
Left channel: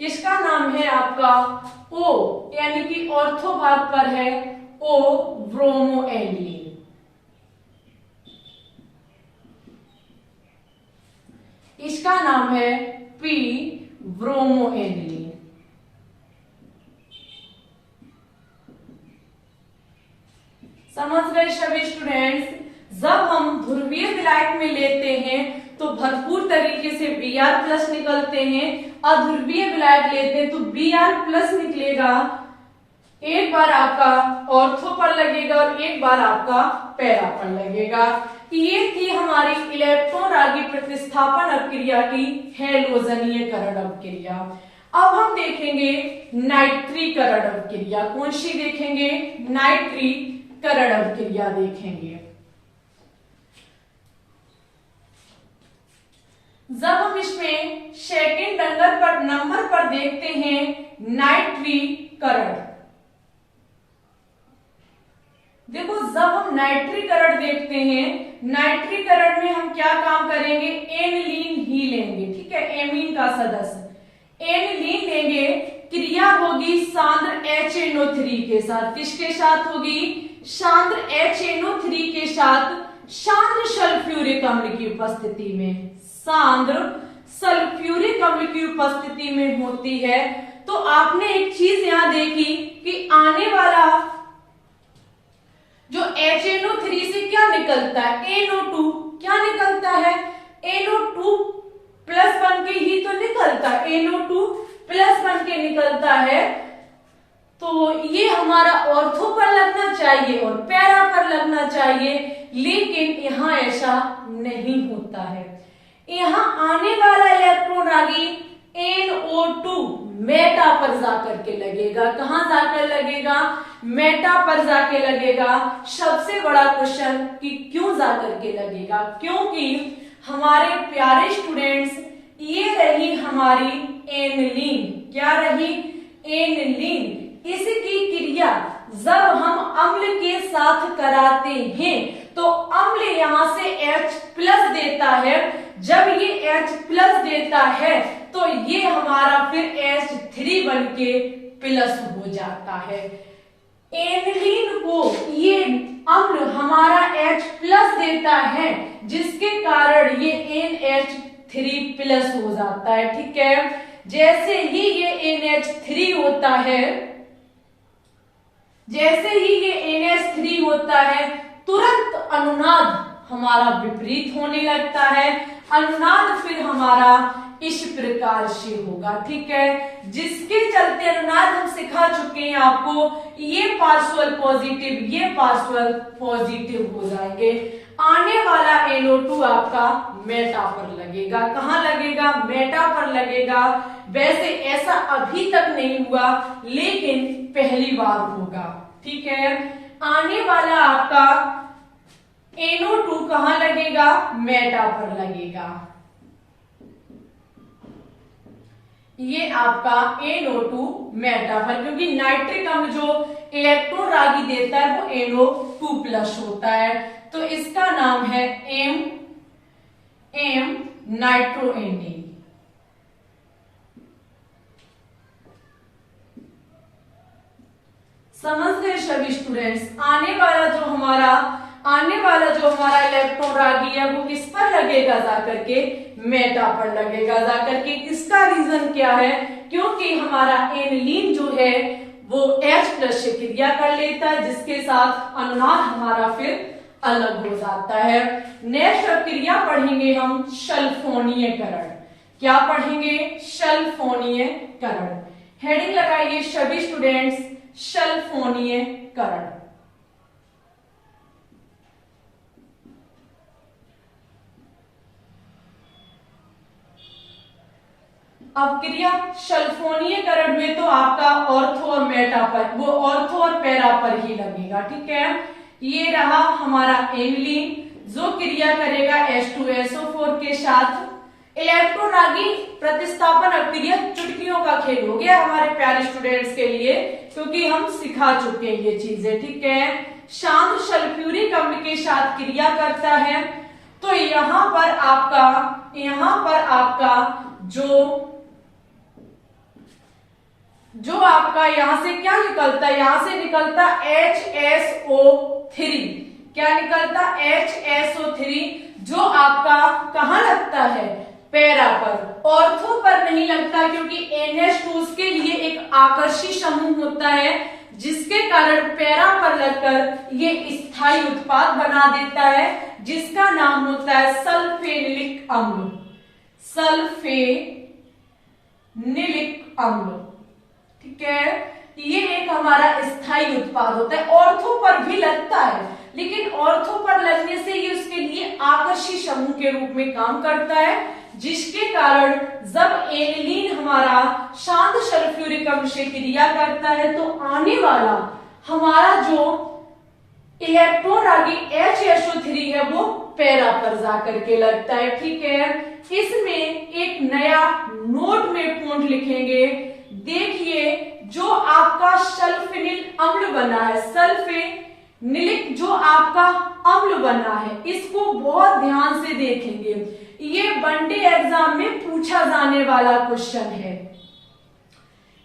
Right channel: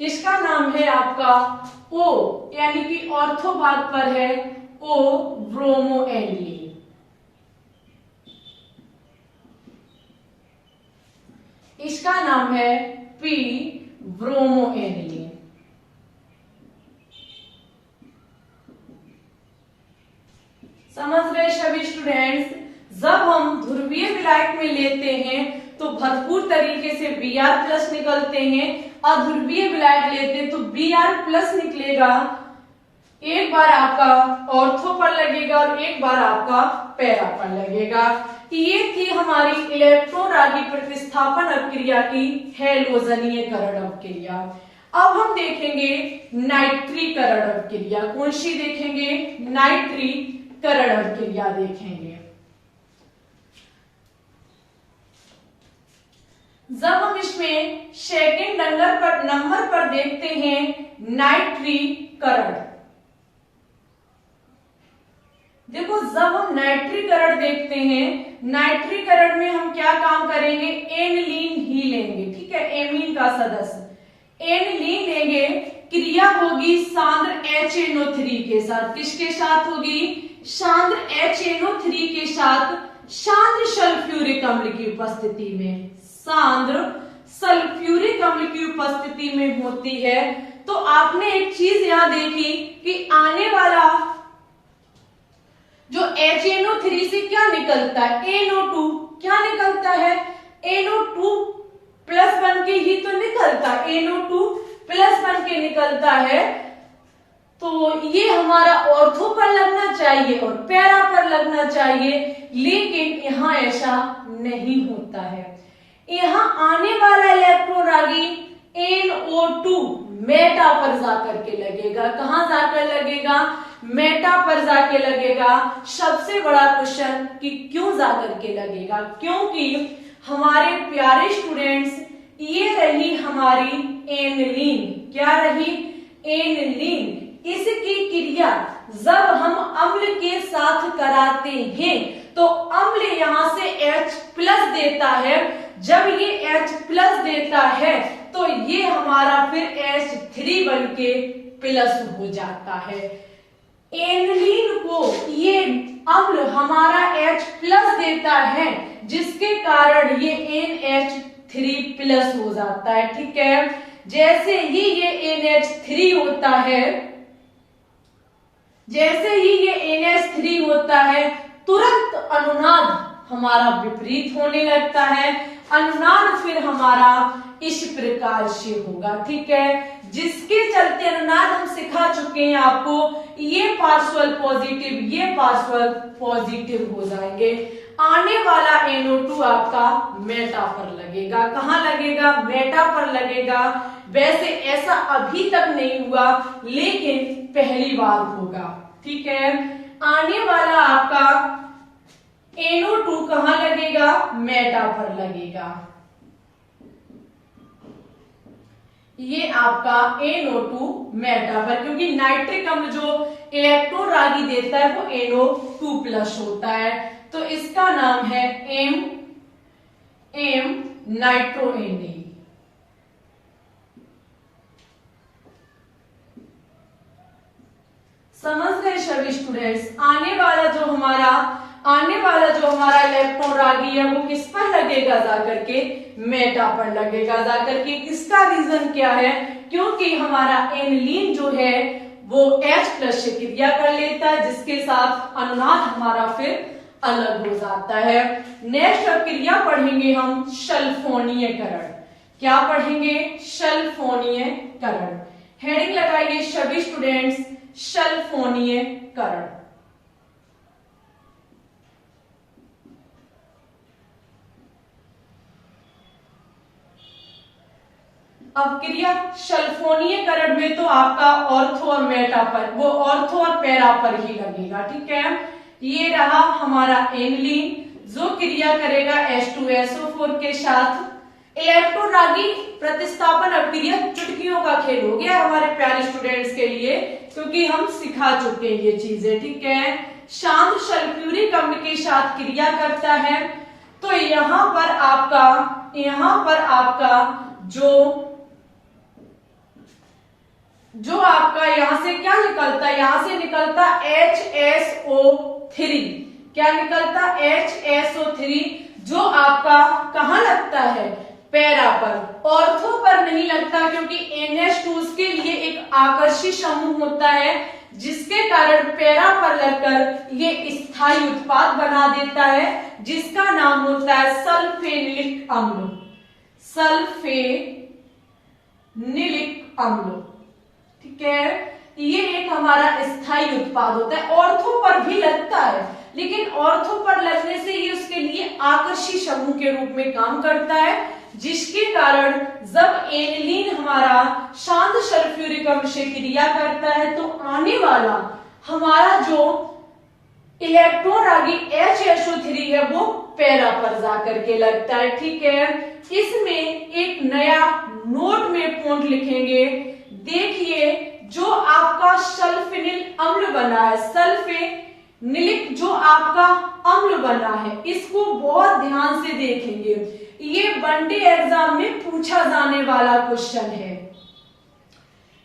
इसका नाम है आपका O, यानी कि ऑर्थो भाग पर है O ब्रोमो एनिलीन। इसका नाम है P ब्रोमो एनिलीन। समझ गए सभी स्टूडेंट्स। जब हम ध्रुवीय विलायक में लेते हैं तो भरपूर तरीके से Br+ निकलते हैं, अध्रुवीय विलायक लेते हैं तो Br+ निकलेगा। एक बार आपका ऑर्थो पर लगेगा और एक बार आपका पैरा पर लगेगा। ये थी हमारी इलेक्ट्रोरागी प्रतिस्थापन अपक्रिया की हैलोजनीयकरण अपक्रिया। अब हम देखेंगे नाइट्रीकरण अपक्रिया। कौन सी देखेंगे? नाइट्रीकरण अपक्रिया देखेंगे। जब हम इसमें सेकेंड नंबर पर देखते हैं नाइट्रीकरण, देखो जब हम नाइट्रीकरण देखते हैं, नाइट्रीकरण में हम क्या काम करेंगे? एनिलीन ही लेंगे, ठीक है, एमीन का सदस्य एनिलीन लेंगे। क्रिया होगी सांद्र HNO3 के साथ। किसके साथ होगी? सांद्र HNO3 के साथ सांद्र सल्फ्यूरिक अम्ल की उपस्थिति में। सांद्र सल्फ्यूरिक अम्ल की उपस्थिति में होती है। तो आपने एक चीज यहां देखी कि आने वाला जो HNO3 से क्या निकलता है? NO2 क्या निकलता है? NO2+ बन के ही तो निकलता है, NO2+ बन के निकलता है। तो ये हमारा ऑर्थो पर लगना चाहिए और पैरा पर लगना चाहिए, लेकिन यहां ऐसा नहीं होता है। यहां आने वाला इलेक्ट्रोरागी NO2 मेटा पर जाकर के लगेगा। कहां जाकर लगेगा? मेटा पर जाके लगेगा। सबसे बड़ा क्वेश्चन कि क्यों जाकर के लगेगा? क्योंकि हमारे प्यारे स्टूडेंट्स, ये रही हमारी एनिलीन। क्या रही? एनिलीन। इसकी क्रिया जब हम अम्ल के साथ कराते हैं तो अम्ल यहां से H+ देता है। जब ये H+ देता है तो ये हमारा फिर H3 बन के प्लस हो जाता है। एनिलीन को ये अम्ल हमारा H+ देता है, जिसके कारण ये NH3+ हो जाता है, ठीक है। जैसे ही ये NH3 होता है, जैसे ही ये NH3 होता है, तुरंत अनुनाद हमारा विपरीत होने लगता है। अनुनाद फिर हमारा इस प्रकार से होगा, ठीक है, जिसके चलते अनुनाद हम सिखा चुके हैं आपको, ये पार्शियल पॉजिटिव, ये पार्शियल पॉजिटिव हो जाएंगे। आने वाला NO2 आपका मेटा पर लगेगा। कहां लगेगा? मेटा पर लगेगा। वैसे ऐसा अभी तक नहीं हुआ, लेकिन पहली बार होगा, ठीक है। आने वाला आपका NO2 कहां लगेगा? मेटा पर लगेगा। ये आपका NO2 मेटा पर, क्योंकि नाइट्रिक अम्ल जो इलेक्ट्रोरागी देता है वो NO2+ होता है, तो इसका नाम है M नाइट्रोएनिन। समझ गए सभी स्टूडेंट्स। आने वाला जो हमारा इलेक्ट्रोरागी है वो किस पर लगेगा? जाकर के मेटा पर लगेगा जाकर के। इसका रीजन क्या है? क्योंकि हमारा एनिलीन जो है वो H+ से क्रिया कर लेता है, जिसके साथ अनुनाद हमारा फिर अलग हो जाता है। नेक्स्ट क्रिया पढ़ेंगे हम सल्फोनीयकरण। क्या पढ़ेंगे? सल्फोनीयकरण। हेडिंग लगाइए सभी स्टूडेंट्स, सल्फोनीयकरण। अब क्रिया सल्फोनीयकरण में तो आपका ऑर्थो और मेटा पर, वो ऑर्थो और पैरा पर ही लगेगा, ठीक है। ये रहा हमारा एनिलीन जो क्रिया करेगा H2SO4 के साथ। इलेक्ट्रोरागी प्रतिस्थापन अपक्रिया चुटकियों का खेल हो गया हमारे प्यारे स्टूडेंट्स के लिए, क्योंकि हम सिखा चुके हैं ये चीजें, ठीक है। शांत सल्फ्यूरिक अम्ल के साथ क्रिया करता है, तो यहां पर आपका जो आपका यहां से क्या निकलता है? यहां से निकलता HSO3। क्या निकलता? HSO3, जो आपका कहां लगता है? पैरा पर। ऑर्थो पर नहीं लगता, क्योंकि NH2 के लिए एक आकर्षी समूह होता है, जिसके कारण पैरा पर लगकर ये स्थायी उत्पाद बना देता है जिसका नाम होता है सल्फेनिलिक अम्ल। सल्फेनिलिक अम्ल, ठीक है। ये एक हमारा स्थायी उत्पाद होता है, ऑर्थो पर भी लगता है, लेकिन ऑर्थो पर लगने से ये उसके लिए आकर्षी समूह के रूप में काम करता है, जिसके कारण जब एनिलीन हमारा शांत सल्फ्यूरिक अम्ल से क्रिया करता है तो आने वाला हमारा जो इलेक्ट्रॉन रागी HSO3 है वो पैरा पर जाकर के लगता है, ठीक है। इसमें एक नया नोट में पॉइंट लिखेंगे। देखिए जो आपका सल्फेनिल अम्ल बना है, सल्फेनिलिक जो आपका अम्ल बना है, इसको बहुत ध्यान से देखेंगे। ये वनडे एग्जाम में पूछा जाने वाला क्वेश्चन है।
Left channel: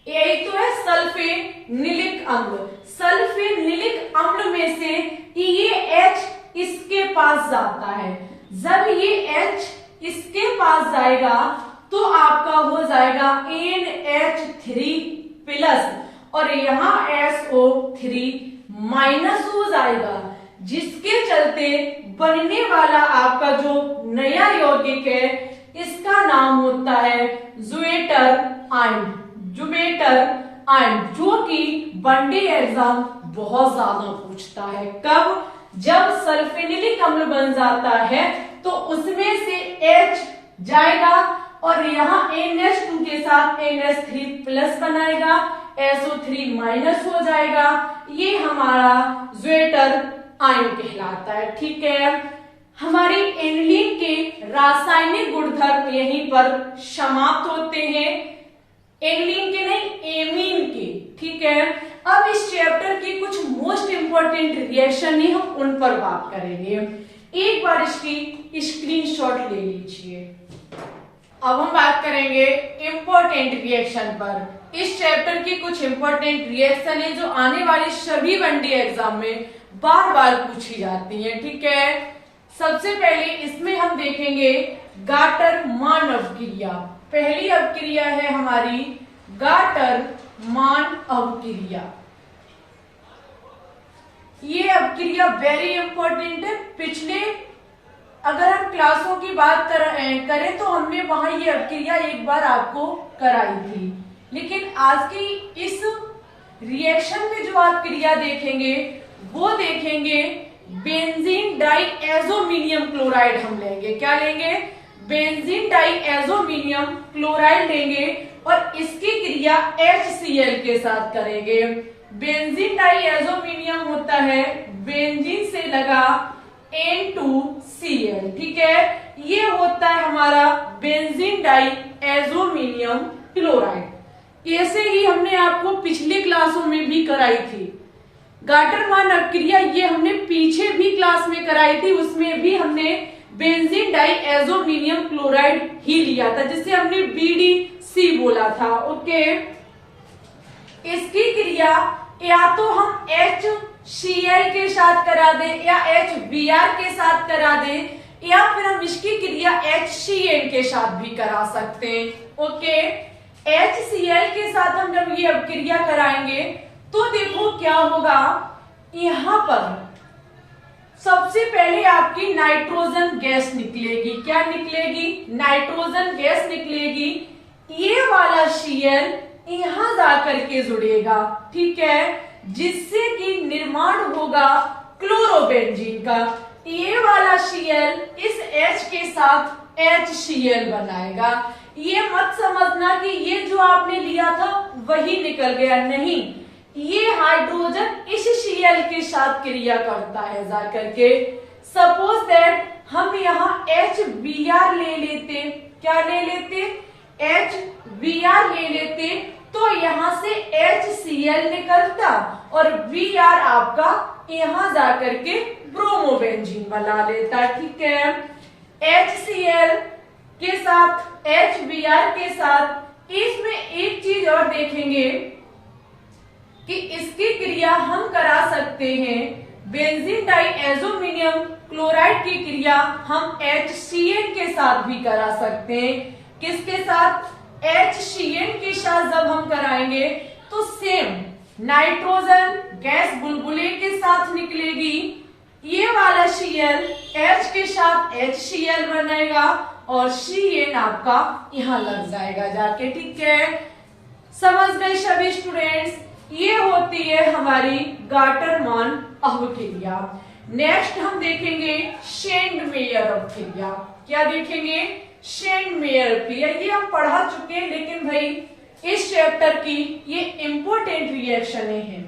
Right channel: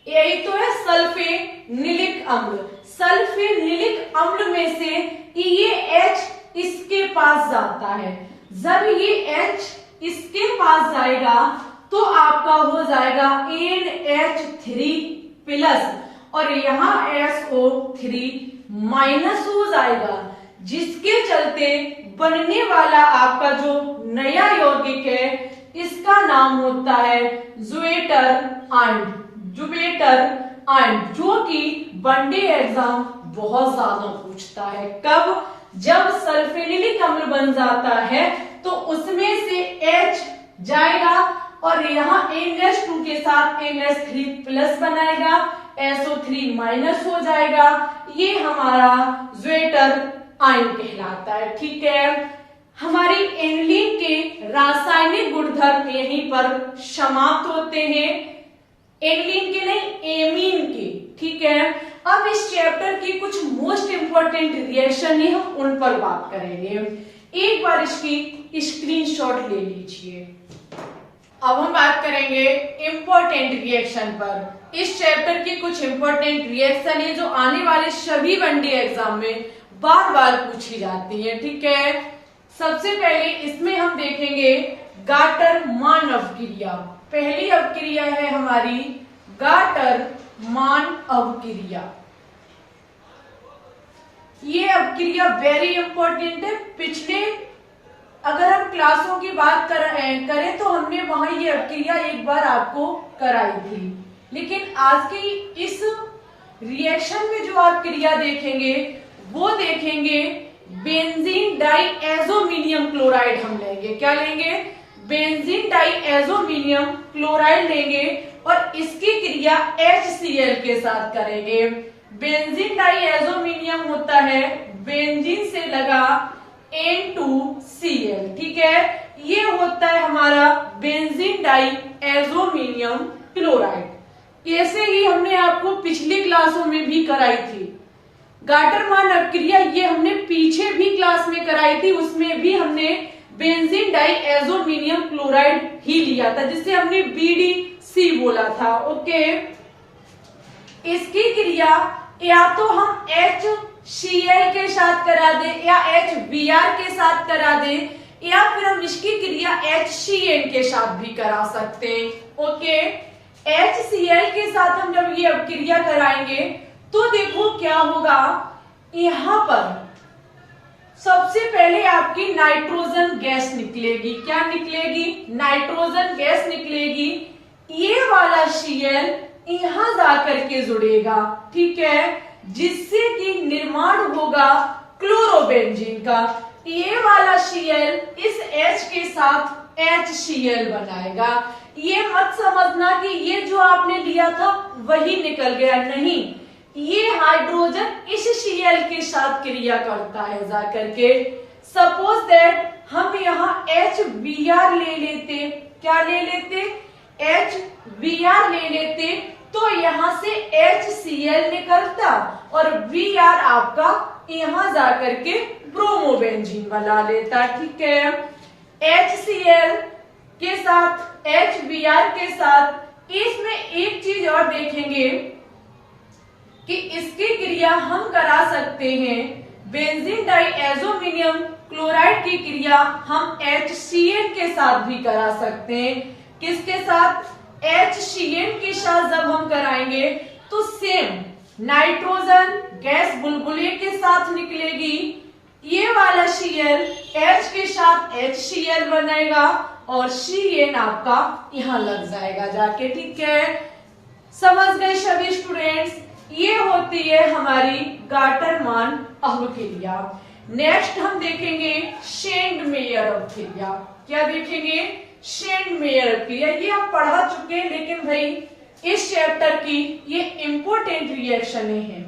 यही तो है सल्फेनिलिक अम्ल। सल्फेनिलिक अम्ल में से ये H इसके पास जाता है। जब ये H इसके पास जाएगा तो आपका हो जाएगा NH3+ और यहाँ SO3- हो जाएगा, जिसके चलते बनने वाला आपका जो नया यौगिक है इसका नाम होता है ज़्वेटर आयन, जो कि वनडे एग्जाम बहुत ज्यादा पूछता है। कब? जब सल्फेनिलिक अम्ल बन जाता है तो उसमें से H जाएगा और यहाँ NH2 के साथ NH3+ बनाएगा, SO3- हो जाएगा। ये हमारा ज़्वेटर आयन कहलाता है, ठीक है। हमारी एनिलीन के रासायनिक गुणधर्म यहीं पर समाप्त होते हैं। एनिलीन के नहीं, एमीन के, ठीक है। अब इस चैप्टर की कुछ मोस्ट इंपोर्टेंट रिएक्शन है, हम उन पर बात करेंगे। एक बार इसकी स्क्रीनशॉट ले लीजिए। अब हम बात करेंगे इंपॉर्टेंट रिएक्शन पर। इस चैप्टर की कुछ इंपॉर्टेंट रिएक्शन है जो आने वाले सभी वनडे एग्जाम में बार बार पूछी जाती है, ठीक है। सबसे पहले इसमें हम देखेंगे गाटर-मान अवक्रिया। पहली अवक्रिया है हमारी गाटर-मान अवक्रिया। ये अवक्रिया वेरी इंपॉर्टेंट है। पिछले अगर हम क्लासों की बात करें तो हमने वहां ये अवक्रिया एक बार आपको कराई थी, लेकिन आज की इस रिएक्शन में जो आप क्रिया देखेंगे वो देखेंगे बेंजीन डाइएज़ोमिनियम क्लोराइड हम लेंगे। क्या लेंगे? बेंजीन डाइएज़ोमिनियम क्लोराइड लेंगे और इसकी क्रिया HCl के साथ करेंगे। बेंजीन डाइएज़ोमिनियम होता है बेंजीन से लगा N2Cl, ठीक है। ये होता है हमारा बेंजीन डाइएज़ोमिनियम क्लोराइड। ऐसे ही हमने आपको पिछली क्लासों में भी कराई थी गाटर-मान अवक्रिया। ये हमने पीछे भी क्लास में कराई थी, उसमें भी हमने बेंजीन डाइएज़ोमिनियम क्लोराइड ही लिया था, जिसे हमने BDC बोला था, ओके। इसकी क्रिया या तो हम HCl के साथ करा दे या HBr के साथ करा दे, या फिर हम इसकी क्रिया HCl के साथ भी करा सकते हैं, ओके। HCl के साथ हम जब ये अवक्रिया कराएंगे तो देखो क्या होगा। यहां पर सबसे पहले आपकी नाइट्रोजन गैस निकलेगी। क्या निकलेगी? नाइट्रोजन गैस निकलेगी। ये वाला Cl यहां जाकर के जुड़ेगा, ठीक है, जिससे कि निर्माण होगा क्लोरोबेंजीन का। ये वाला Cl इस H के साथ HCl बनाएगा। ये मत समझना कि ये जो आपने लिया था वही निकल गया, नहीं, ये हाइड्रोजन इस Cl के साथ क्रिया करता है जाकर के। सपोज दैट हम यहाँ HBr ले लेते, क्या ले लेते? HBr ले लेते, तो यहाँ से HCl निकलता और Br आपका यहाँ जाकर के ब्रोमोबेंजीन बना लेता, ठीक है। HCl के साथ HBr के साथ इसमें एक चीज और देखेंगे कि इसकी क्रिया हम करा सकते हैं बेंजीन डाइएज़ोमिनियम क्लोराइड की क्रिया हम HCl के साथ भी करा सकते हैं। किसके साथ? HCl के साथ जब हम कराएंगे तो सेम नाइट्रोजन गैस बुलबुले के साथ निकलेगी, ये वाला Cl H के साथ HCl बनेगा और Cn आपका यहां लग जाएगा जाके, ठीक है। समझ गए सभी स्टूडेंट्स? ये होती है हमारी गाटरमान अवक्रिया। नेक्स्ट हम देखेंगे शेंडमेयर अवक्रिया। क्या देखेंगे? शेंडमेयर अवक्रिया। ये हम पढ़ा चुके हैं, लेकिन भाई इस चैप्टर की ये इंपॉर्टेंट रिएक्शन है,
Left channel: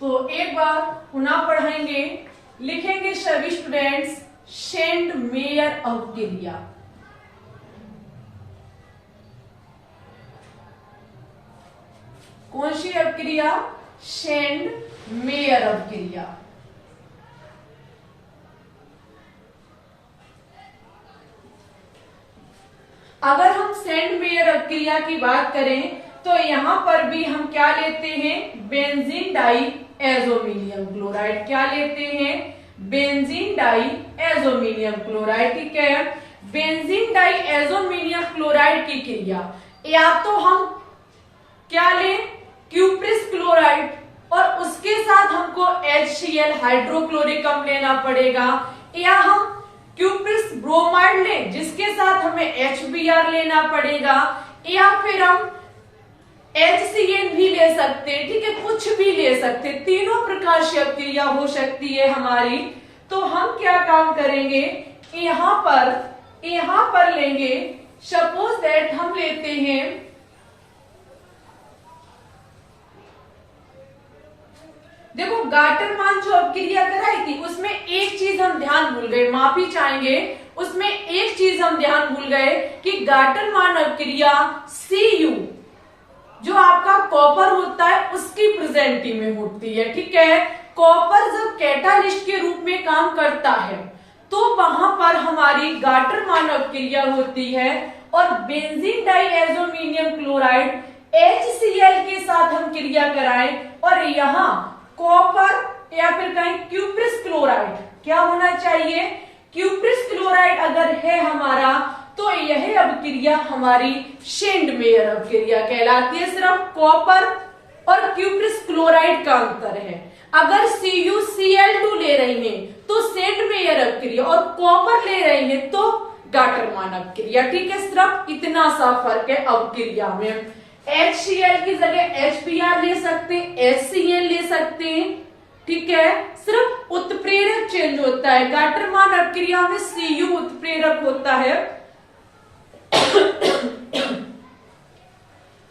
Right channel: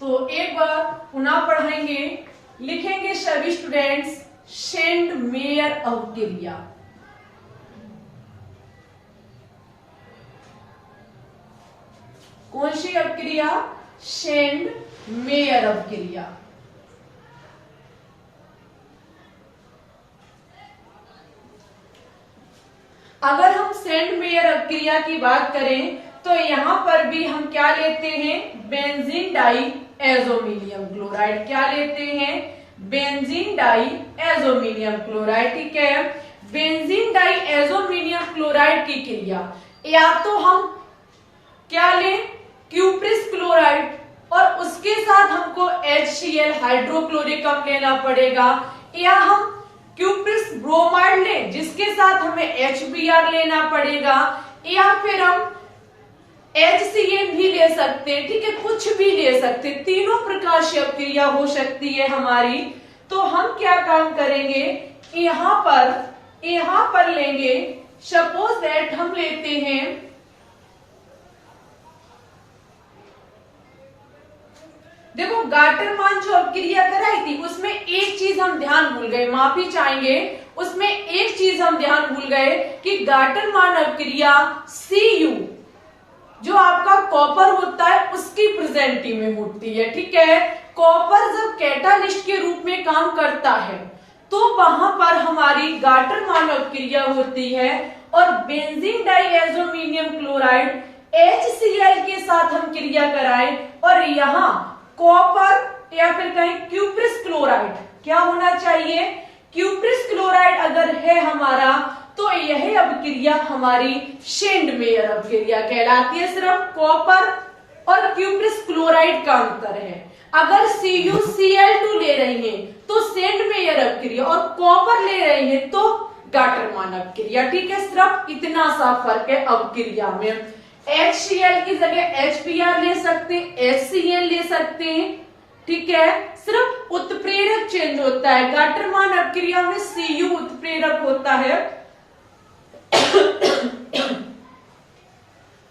तो एक बार पुनः पढ़ाएंगे। लिखेंगे सभी स्टूडेंट्स शेंडमेयर अवक्रिया। कौन सी अवक्रिया? शेंडमेयर अवक्रिया। अगर हम शेंडमेयर अवक्रिया की बात करें तो यहां पर भी हम क्या लेते हैं? Benzene diazonium chloride. क्या लेते हैं? बेंजीन डाई एजोमिनियम क्लोराइड, ठीक है। बेंजीन डाई एजोमिनियम क्लोराइड की क्रिया या तो हम क्या लें? क्यूप्रिस क्लोराइड, और उसके साथ हमको HCl हाइड्रोक्लोरिक अम्ल लेना पड़ेगा, या हम क्यूप्रिस ब्रोमाइड लें जिसके साथ हमें HBr लेना पड़ेगा, या फिर हम HCl भी ले सकते हैं, ठीक है, कुछ भी ले सकते हैं। तीनों प्रकार से अवक्रिया हो सकती है हमारी। तो हम क्या काम करेंगे? यहां पर लेंगे, सपोज दैट हम लेते हैं देखो गाटरमान जो अवक्रिया कराई थी उसमें एक चीज हम ध्यान भूल गए, माफी चाहेंगे, उसमें एक चीज हम ध्यान भूल गए कि गाटरमान अवक्रिया Cu जो आपका कॉपर होता है उसकी प्रेजेंटी में होती है, ठीक है। कॉपर जब कैटालिस्ट के रूप में काम करता है तो वहां पर हमारी गाटरमान अवक्रिया होती है, और बेंजीन डाइएजोमिनियम क्लोराइड HCl के साथ हम क्रिया कराएं और यहाँ कॉपर या फिर कहें क्यूप्रिस क्लोराइड, क्या होना चाहिए? क्यूप्रिस क्लोराइड अगर है हमारा तो यह अवक्रिया हमारी शेंडमेयर अवक्रिया कहलाती है। सिर्फ कॉपर और क्यूप्रिस क्लोराइड का अंतर है। अगर CuCl2 ले रही हैं तो शेंडमेयर अवक्रिया, और कॉपर ले रही हैं तो गाटरमान अवक्रिया, ठीक है। सिर्फ इतना सा फर्क है अवक्रिया में। HCl की जगह HBr ले सकते हैं, HCl ले सकते हैं, ठीक है। सिर्फ उत्प्रेरक चेंज होता है। गाटरमान अवक्रिया में Cu उत्प्रेरक होता है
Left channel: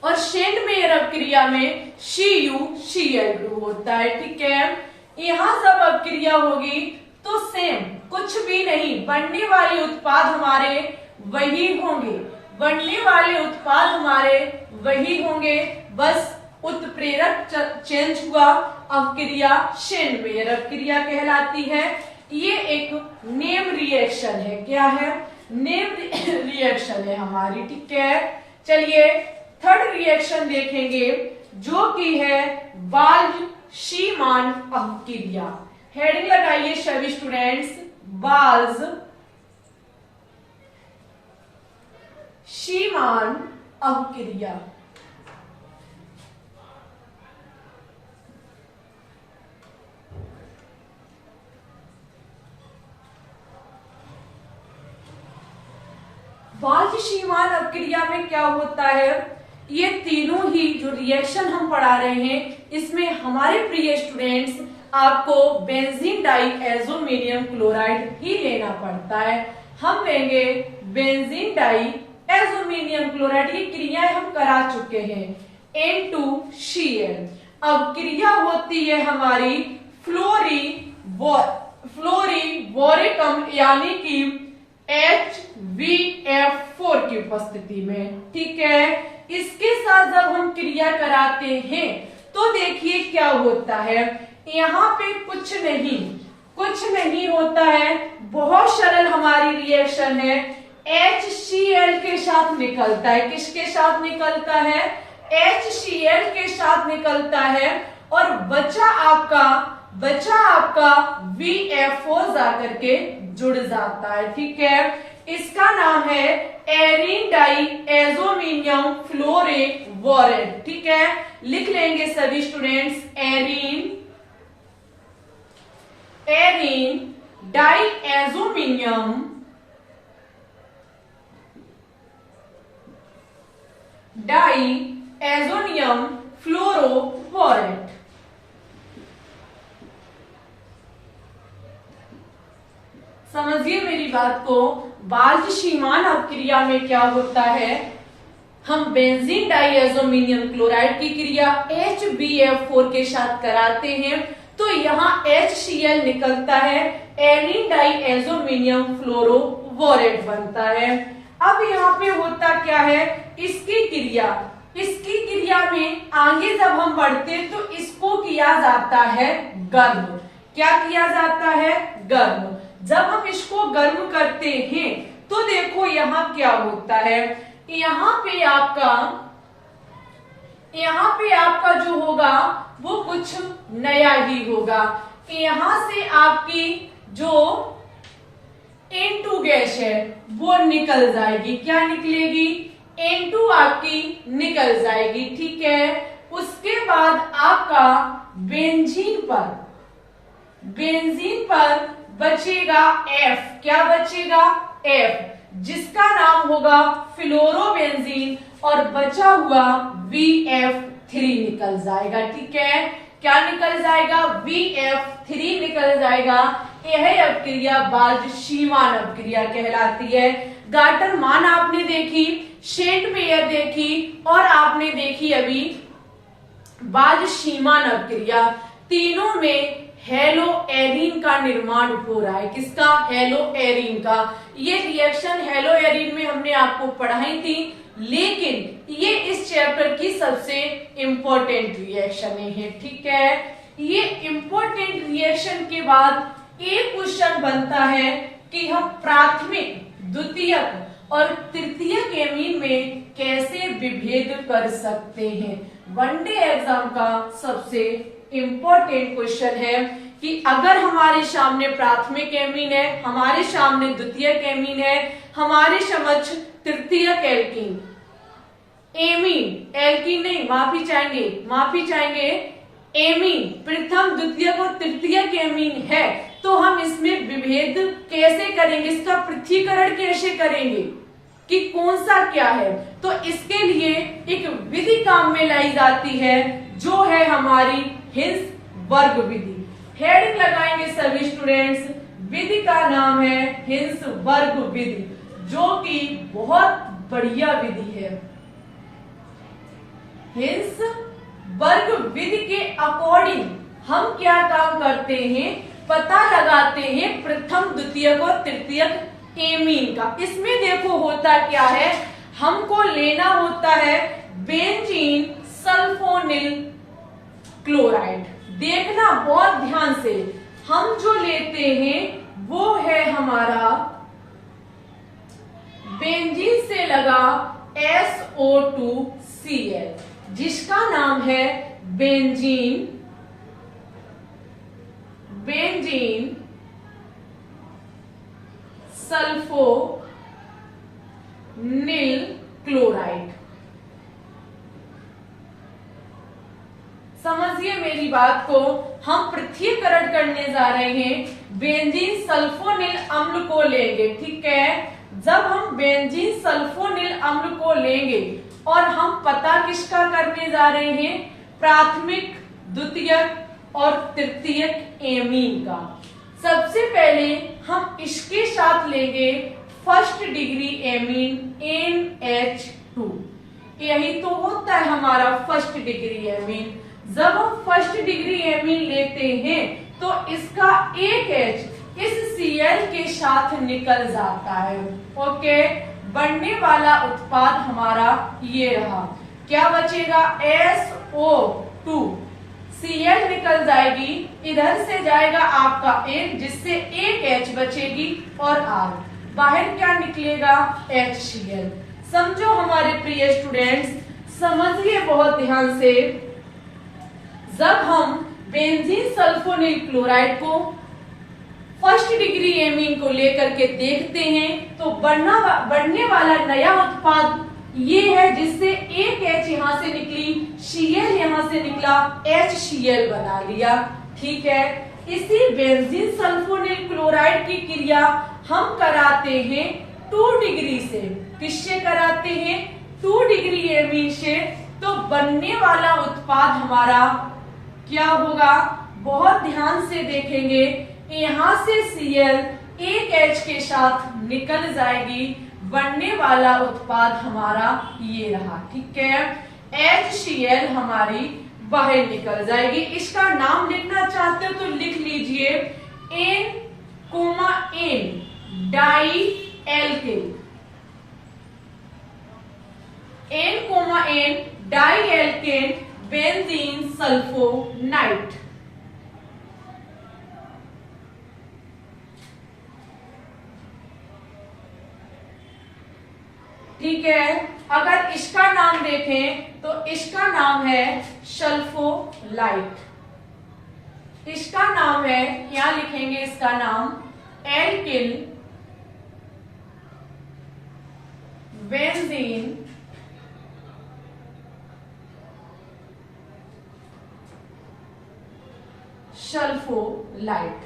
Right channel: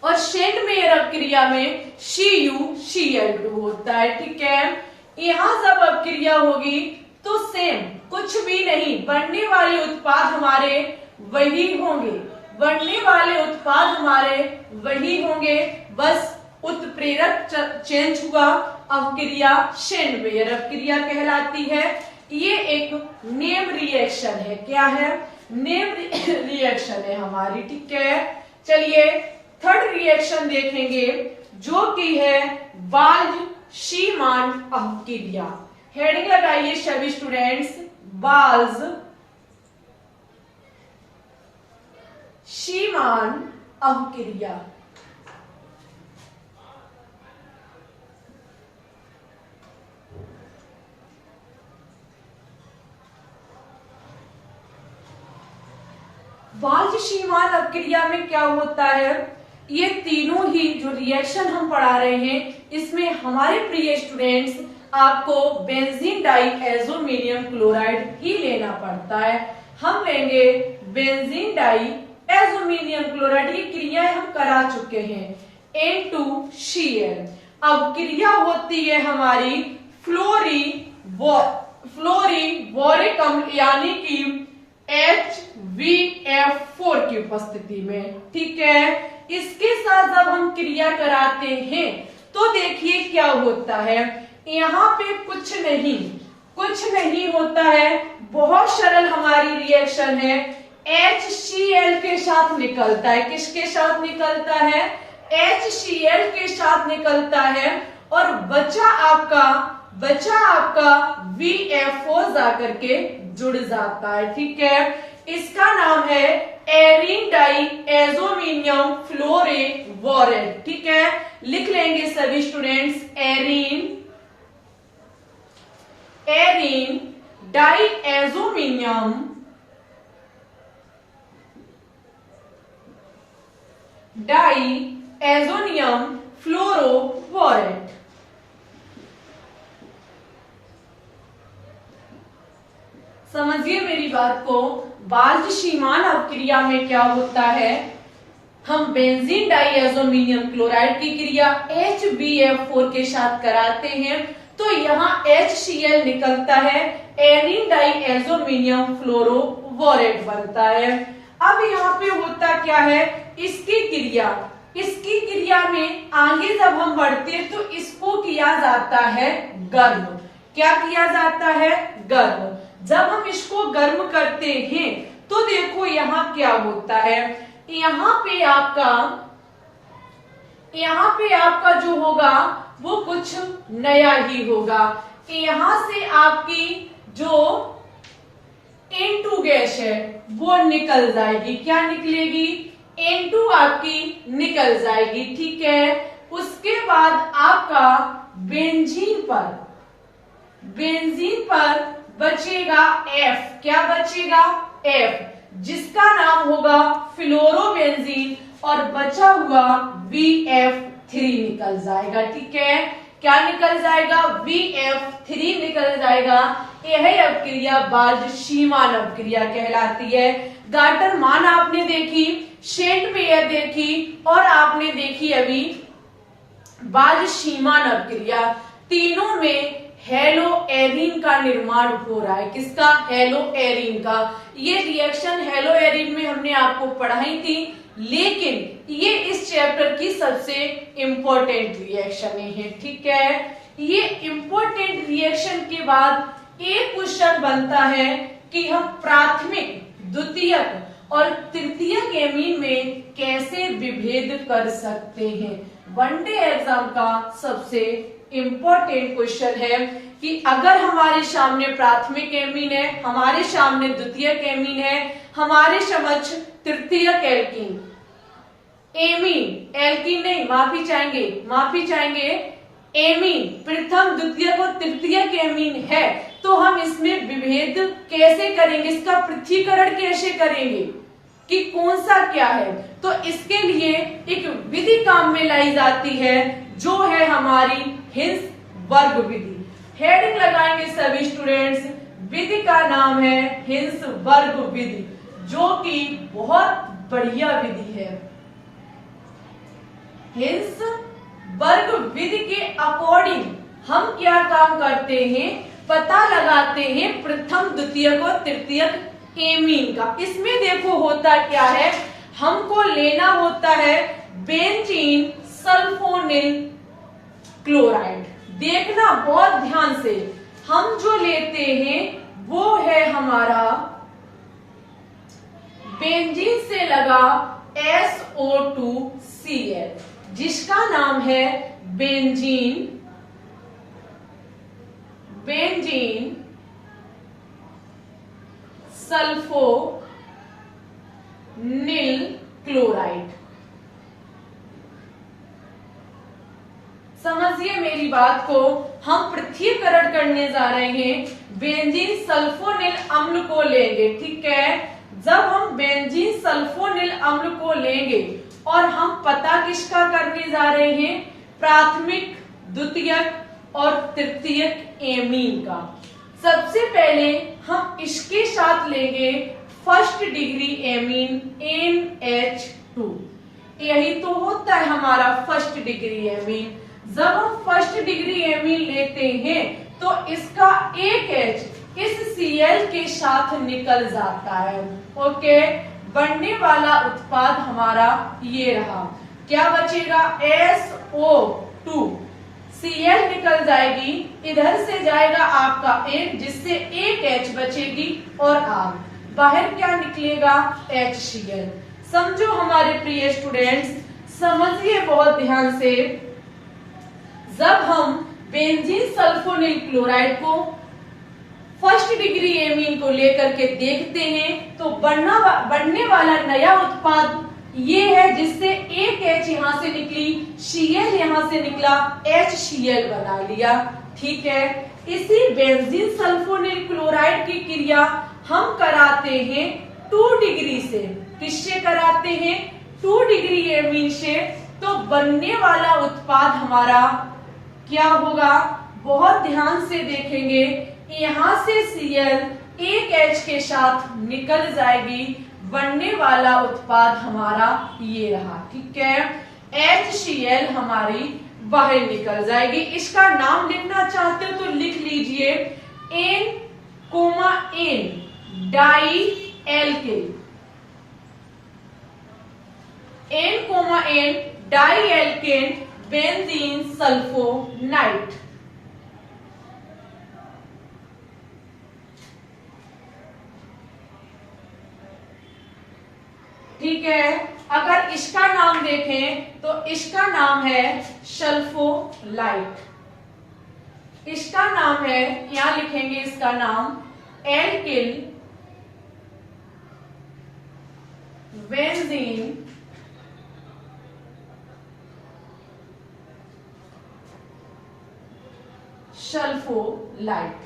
और शेंडमेयर अवक्रिया में CuCl2 होता है, ठीक है। यहां सब अवक्रिया होगी तो सेम, कुछ भी नहीं, बनने वाले उत्पाद हमारे वही होंगे, बनने वाले उत्पाद हमारे वही होंगे, बस उत्प्रेरक चेंज हुआ। अवक्रिया शेंडमेयर अवक्रिया कहलाती है। ये एक नेम रिएक्शन है। क्या है? नेम रिएक्शन है हमारी, ठीक है। चलिए थर्ड रिएक्शन देखेंगे जो कि है बाल्ज-शीमान अवक्रिया। हेडिंग लगाइए सभी स्टूडेंट्स, बाल्ज-शीमान अवक्रिया। बाल्ज-शीमान अवक्रिया में क्या होता है? ये तीनों ही जो रिएक्शन हम पढ़ा रहे हैं इसमें हमारे प्रिय स्टूडेंट्स आपको बेंजीन डाइएजोमिनियम क्लोराइड ही लेना पड़ता है। हम लेंगे बेंजीन डाइएजोमिनियम क्लोराइड। ये क्रियाएं हम करा चुके हैं। N2Cl अवक्रिया होती है हमारी फ्लोरीबोरिक अम्ल यानी कि HVF4 की उपस्थिति में, ठीक है। इसके साथ जब हम क्रिया कराते हैं तो देखिए क्या होता है। यहाँ पे कुछ नहीं होता है, बहुत सरल हमारी रिएक्शन है। HCl के साथ निकलता है। किसके साथ निकलता है? HCl के साथ निकलता है और बचा आपका VF4 जाकर के जुड़ जाता है, ठीक है। इसका नाम है एरीन डाइएज़ोमिनियम फ्लोरोवोरेट। ठीक है, लिख लेंगे सभी स्टूडेंट्स, एरीन डाइएज़ोमिनियम फ्लोरोवोरेट। समझिए मेरी बात को, बाल्ज सीमान अपक्रिया में क्या होता है, हम बेंजीन डाइएज़ोमिनियम क्लोराइड की क्रिया HbF4 के साथ कराते हैं तो यहाँ HCl निकलता है, एनीन डाइएज़ोमिनियम फ्लोरोवोरेट बनता है। अब यहाँ पे होता क्या है, इसकी क्रिया में आगे जब हम बढ़ते हैं तो इसको किया जाता है गर्म। क्या किया जाता है, गर्म। जब हम इसको गर्म करते हैं तो देखो यहाँ क्या होता है, यहाँ पे आपका जो होगा वो कुछ नया ही होगा। यहाँ से आपकी जो N2 गैस है वो निकल जाएगी। क्या निकलेगी, N2 आपकी निकल जाएगी। ठीक है, उसके बाद आपका बेंजीन पर बचेगा F। क्या बचेगा, F, जिसका नाम होगा फ्लोरोबेंजीन और बचा हुआ VF3 निकल जाएगा। ठीक है, क्या निकल जाएगा, VF3 निकल जाएगा। यह अपक्रिया बाल्ज सीमान अपक्रिया कहलाती है। गार्टर मान आपने देखी, सेंट पेयर देखी और आपने देखी अभी बाल्ज सीमान अपक्रिया। तीनों में हेलो एरीन का निर्माण हो रहा है। किसका, हेलो एरीन का। ये रिएक्शन हेलो एरीन में हमने आपको पढ़ाई थी, लेकिन ये इस चैप्टर की सबसे इंपॉर्टेंट रिएक्शन है। ठीक है, ये इंपॉर्टेंट रिएक्शन के बाद एक क्वेश्चन बनता है कि हम प्राथमिक, द्वितीयक और तृतीयक एमीन में कैसे विभेद कर सकते हैं। वनडे एग्जाम का सबसे इंपॉर्टेंट क्वेश्चन है कि अगर हमारे सामने प्राथमिक एमीन है, हमारे सामने द्वितीयक एमीन है, हमारे समक्ष तृतीयक एल्कीन, एल्कीन नहीं, माफी चाहेंगे, एमीन प्रथम, द्वितीयक और तृतीयक एमीन है, तो हम इसमें विभेद कैसे करेंगे, इसका पृथक्करण कैसे करेंगे कि कौन सा क्या है। तो इसके लिए एक विधि काम में लाई जाती है जो है हमारी हिंसबर्ग विधि। हेडिंग लगाएंगे सभी स्टूडेंट्स, विधि का नाम है हिंसबर्ग विधि, जो कि बहुत बढ़िया विधि है। हिंसबर्ग विधि के अकॉर्डिंग हम क्या काम करते हैं, पता लगाते हैं प्रथम, द्वितीयक और तृतीयक एमीन का। इसमें देखो होता क्या है, हमको लेना होता है बेंजीन सल्फोनिल क्लोराइड। देखना बहुत ध्यान से, हम जो लेते हैं वो है हमारा बेंजीन से लगा SO2Cl, जिसका नाम है बेंजीन सल्फोनिल क्लोराइड। समझिए मेरी बात को, हम पृथक्करण करने जा रहे हैं, बेंजीन सल्फोनिल अम्ल को लेंगे। ठीक है, जब हम बेंजीन सल्फोनिल अम्ल को लेंगे और हम पता किसका करने जा रहे हैं, प्राथमिक, द्वितीयक और तृतीयक एमीन का। सबसे पहले हम इसके साथ लेंगे फर्स्ट डिग्री एमीन NH2। यही तो होता है हमारा फर्स्ट डिग्री एमीन। जब हम फर्स्ट डिग्री एमीन लेते हैं तो इसका एक H इस Cl के साथ निकल जाता है। ओके, बनने वाला उत्पाद हमारा ये रहा। क्या बचेगा, SO2, Cl निकल जाएगी, इधर से जाएगा आपका एक, जिससे एक H बचेगी और R, बाहर क्या निकलेगा, HCl। समझो हमारे प्रिय स्टूडेंट्स, समझिए बहुत ध्यान से, जब हम बेंजीन सल्फोनिल क्लोराइड को फर्स्ट डिग्री एमीन को लेकर के देखते हैं तो बनने वाला नया उत्पाद ये है जिससे एक H यहां से निकली, Cl यहां से निकला, HCl बना लिया। ठीक है, इसी बेंजीन सल्फोनिल क्लोराइड की क्रिया हम कराते हैं 2 डिग्री से। किससे कराते हैं? 2 डिग्री एमीन से। तो बनने वाला उत्पाद हमारा क्या होगा? बहुत ध्यान से देखेंगे, यहां से Cl एक H के साथ निकल जाएगी, बनने वाला उत्पाद हमारा ये रहा। ठीक है, HCl हमारी बाहर निकल जाएगी। इसका नाम लिखना चाहते हो तो लिख लीजिए N, N di alkane. N, di alkane benzene sulphonate. ठीक है, अगर इसका नाम देखें तो इसका नाम है सल्फोलाइट। इसका नाम है, यहां लिखेंगे इसका नाम एल्किल बेंजीन सल्फोलाइट।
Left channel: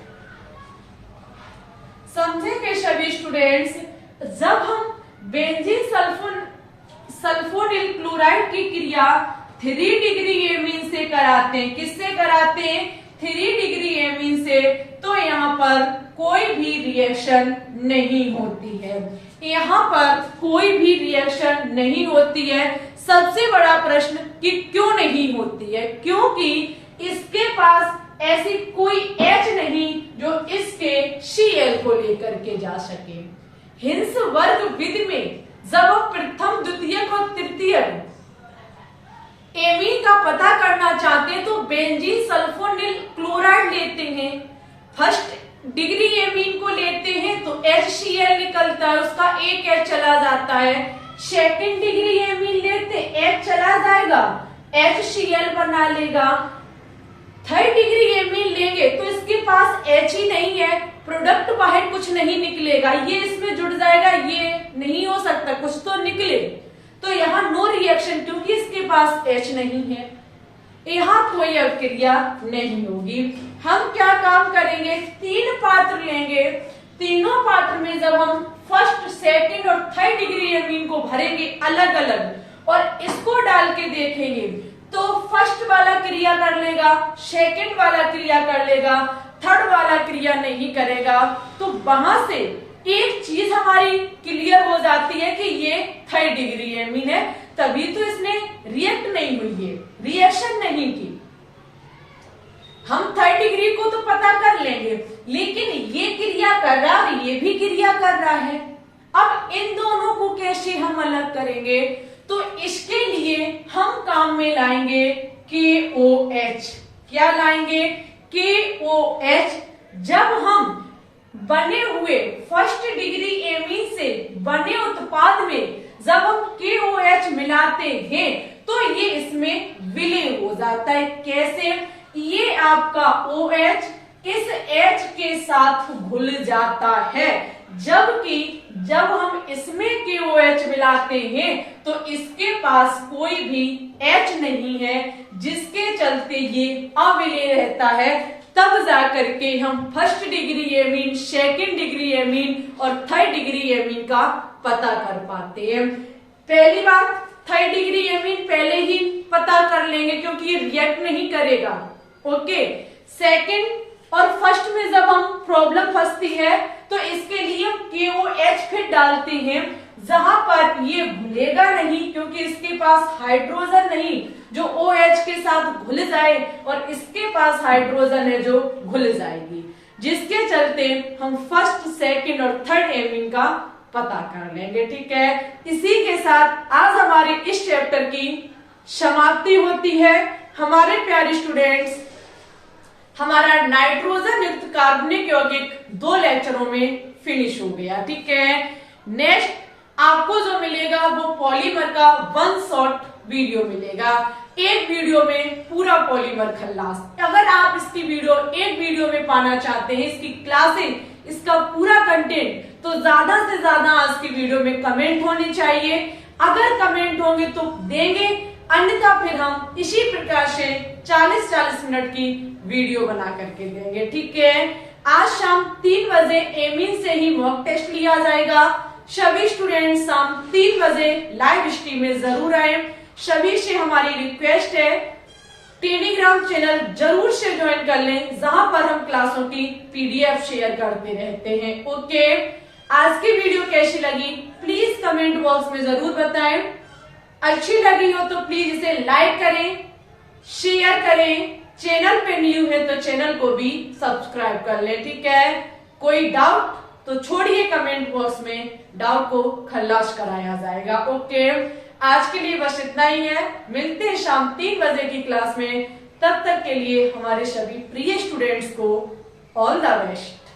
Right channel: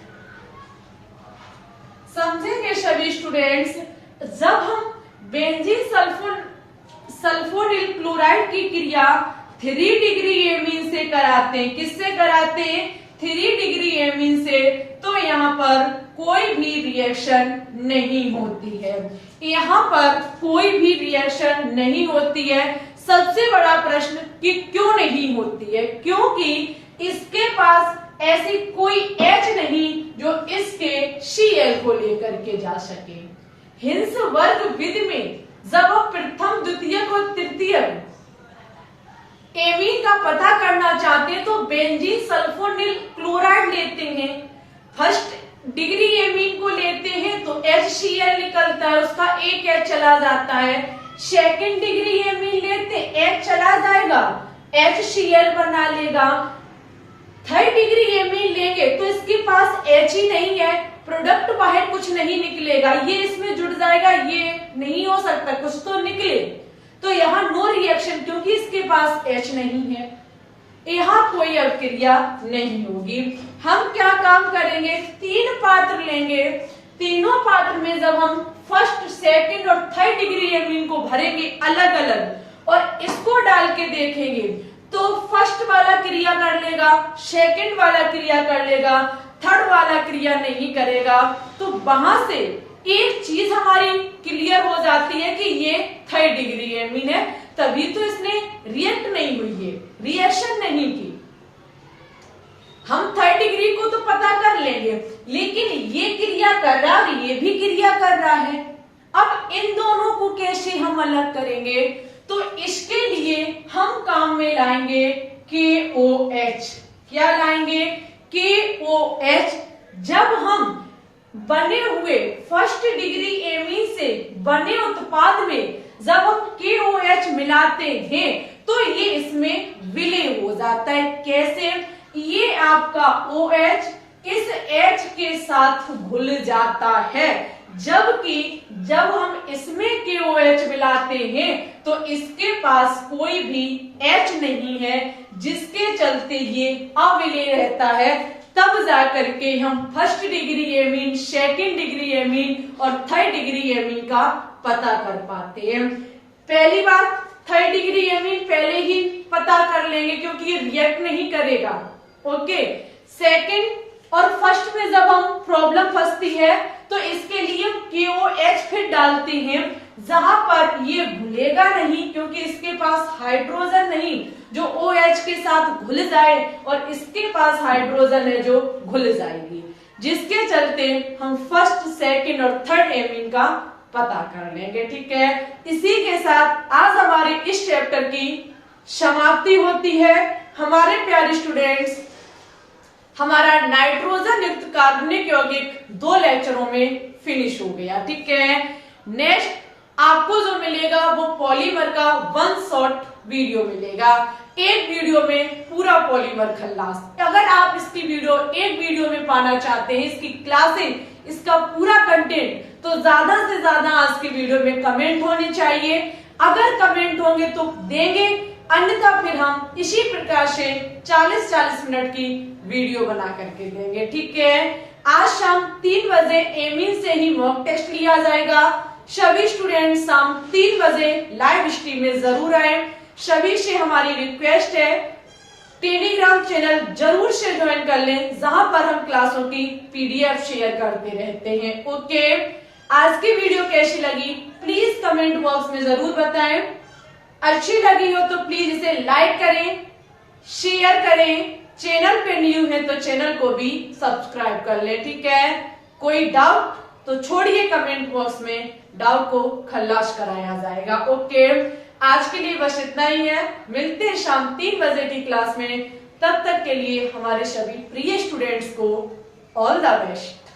समझेंगे सभी स्टूडेंट्स, जब हम बेंजीन सल्फोनिल क्लोराइड की क्रिया 3 डिग्री एमीन से कराते हैं, किससे कराते हैं? 3 डिग्री एमीन से, तो यहाँ पर कोई भी रिएक्शन नहीं होती है। यहाँ पर कोई भी रिएक्शन नहीं होती है। सबसे बड़ा प्रश्न कि क्यों नहीं होती है? क्योंकि इसके पास ऐसी कोई H नहीं जो इसके Cl को लेकर के जा सके। हिंस वर्ग विधि में जब हम प्रथम, द्वितीयक और तृतीयक एमीन का पता करना चाहते हैं तो बेंजीन सल्फोनिल क्लोराइड लेते हैं। फर्स्ट डिग्री एमीन को लेते हैं तो HCl निकलता है, उसका एक H चला जाता है। सेकेंड डिग्री एमीन लेते H चला जाएगा, HCl बना लेगा। थर्ड डिग्री एमीन लेंगे तो इसके पास H ही नहीं है, प्रोडक्ट बाहर कुछ नहीं निकलेगा, ये इसमें जुड़ जाएगा, ये नहीं हो सकता, कुछ तो निकले। तो यहाँ नो रिएक्शन, क्योंकि इसके पास H नहीं है, यहाँ कोई अभिक्रिया नहीं होगी। हम क्या काम करेंगे? 3 पात्र लेंगे। तीनों पात्र में जब हम फर्स्ट, सेकंड और थर्ड डिग्री एमीन को भरेंगे अलग अलग और इसको डाल के देखेंगे तो फर्स्ट वाला क्रिया कर लेगा, सेकंड वाला क्रिया कर लेगा, थर्ड वाला क्रिया नहीं करेगा। तो वहां से एक चीज हमारी क्लियर हो जाती है कि ये थर्ड डिग्री एमीन है, तभी तो इसने रिएक्ट नहीं हुई है, रिएक्शन नहीं की। हम थर्ड डिग्री को तो पता कर लेंगे, लेकिन ये क्रिया कर रहा और ये भी क्रिया कर रहा है। अब इन दोनों को कैसे हम अलग करेंगे? तो इसके लिए हम काम में लाएंगे KOH। क्या लाएंगे? KOH। जब हम बने हुए फर्स्ट डिग्री एमीन से बने उत्पाद में जब हम KOH मिलाते हैं तो ये इसमें विलीन हो जाता है। कैसे? ये आपका OH इस H के साथ घुल जाता है, जबकि जब हम इसमें KOH मिलाते हैं तो इसके पास कोई भी H नहीं है, जिसके चलते ये अविलीन रहता है। तब जाकर के हम first degree amine, second degree amine और थर्ड डिग्री एमीन का पता कर पाते हैं। पहली बात, थर्ड डिग्री एमीन पहले ही पता कर लेंगे क्योंकि ये रिएक्ट नहीं करेगा। ओके, सेकेंड और फर्स्ट में जब हम प्रॉब्लम फंसती है तो इसके लिए KOH फिर डालते हैं, जहां पर ये घुलेगा नहीं क्योंकि इसके पास हाइड्रोजन नहीं जो OH के साथ घुल जाए, और इसके पास हाइड्रोजन है जो घुल जाएगी, जिसके चलते हम फर्स्ट, सेकंड और थर्ड एमीन का पता कर लेंगे। ठीक है, इसी के साथ आज हमारे इस चैप्टर की समाप्ति होती है। हमारे प्यारे स्टूडेंट्स, हमारा नाइट्रोजन युक्त कार्बनिक यौगिक 2 लेक्चरों में फिनिश हो गया। ठीक है, नेक्स्ट आपको जो मिलेगा वो पॉलीमर का 1 शॉर्ट वीडियो मिलेगा। एक वीडियो में पूरा पॉलीमर खल्लास। अगर आप इसकी वीडियो एक वीडियो में पाना चाहते हैं, इसकी क्लासेस, इसका पूरा कंटेंट, तो ज्यादा से ज्यादा आज की वीडियो में कमेंट होने चाहिए। अगर कमेंट होंगे तो देंगे, अन्यथा फिर हम इसी प्रकार से 40-40 मिनट की वीडियो बना करके देंगे। ठीक है, आज शाम 3 बजे एमिन से ही मॉक टेस्ट लिया जाएगा। सभी स्टूडेंट शाम 3 बजे लाइव स्ट्रीम में जरूर आए। सभी से हमारी रिक्वेस्ट है, टेलीग्राम चैनल जरूर से ज्वाइन कर लें, जहां पर हम क्लासों की पीडीएफ शेयर करते रहते हैं। ओके, आज की वीडियो कैसी लगी प्लीज कमेंट बॉक्स में जरूर बताएं। अच्छी लगी हो तो प्लीज इसे लाइक करें, शेयर करें। चैनल पे न्यू है तो चैनल को भी सब्सक्राइब कर ले। ठीक है, कोई डाउट तो छोड़िए कमेंट बॉक्स में, डाउट को खल्लास कराया जाएगा। ओके, आज के लिए बस इतना ही है। मिलते हैं शाम 3 बजे की क्लास में। तब तक के लिए हमारे सभी प्रिय स्टूडेंट्स को ऑल द बेस्ट।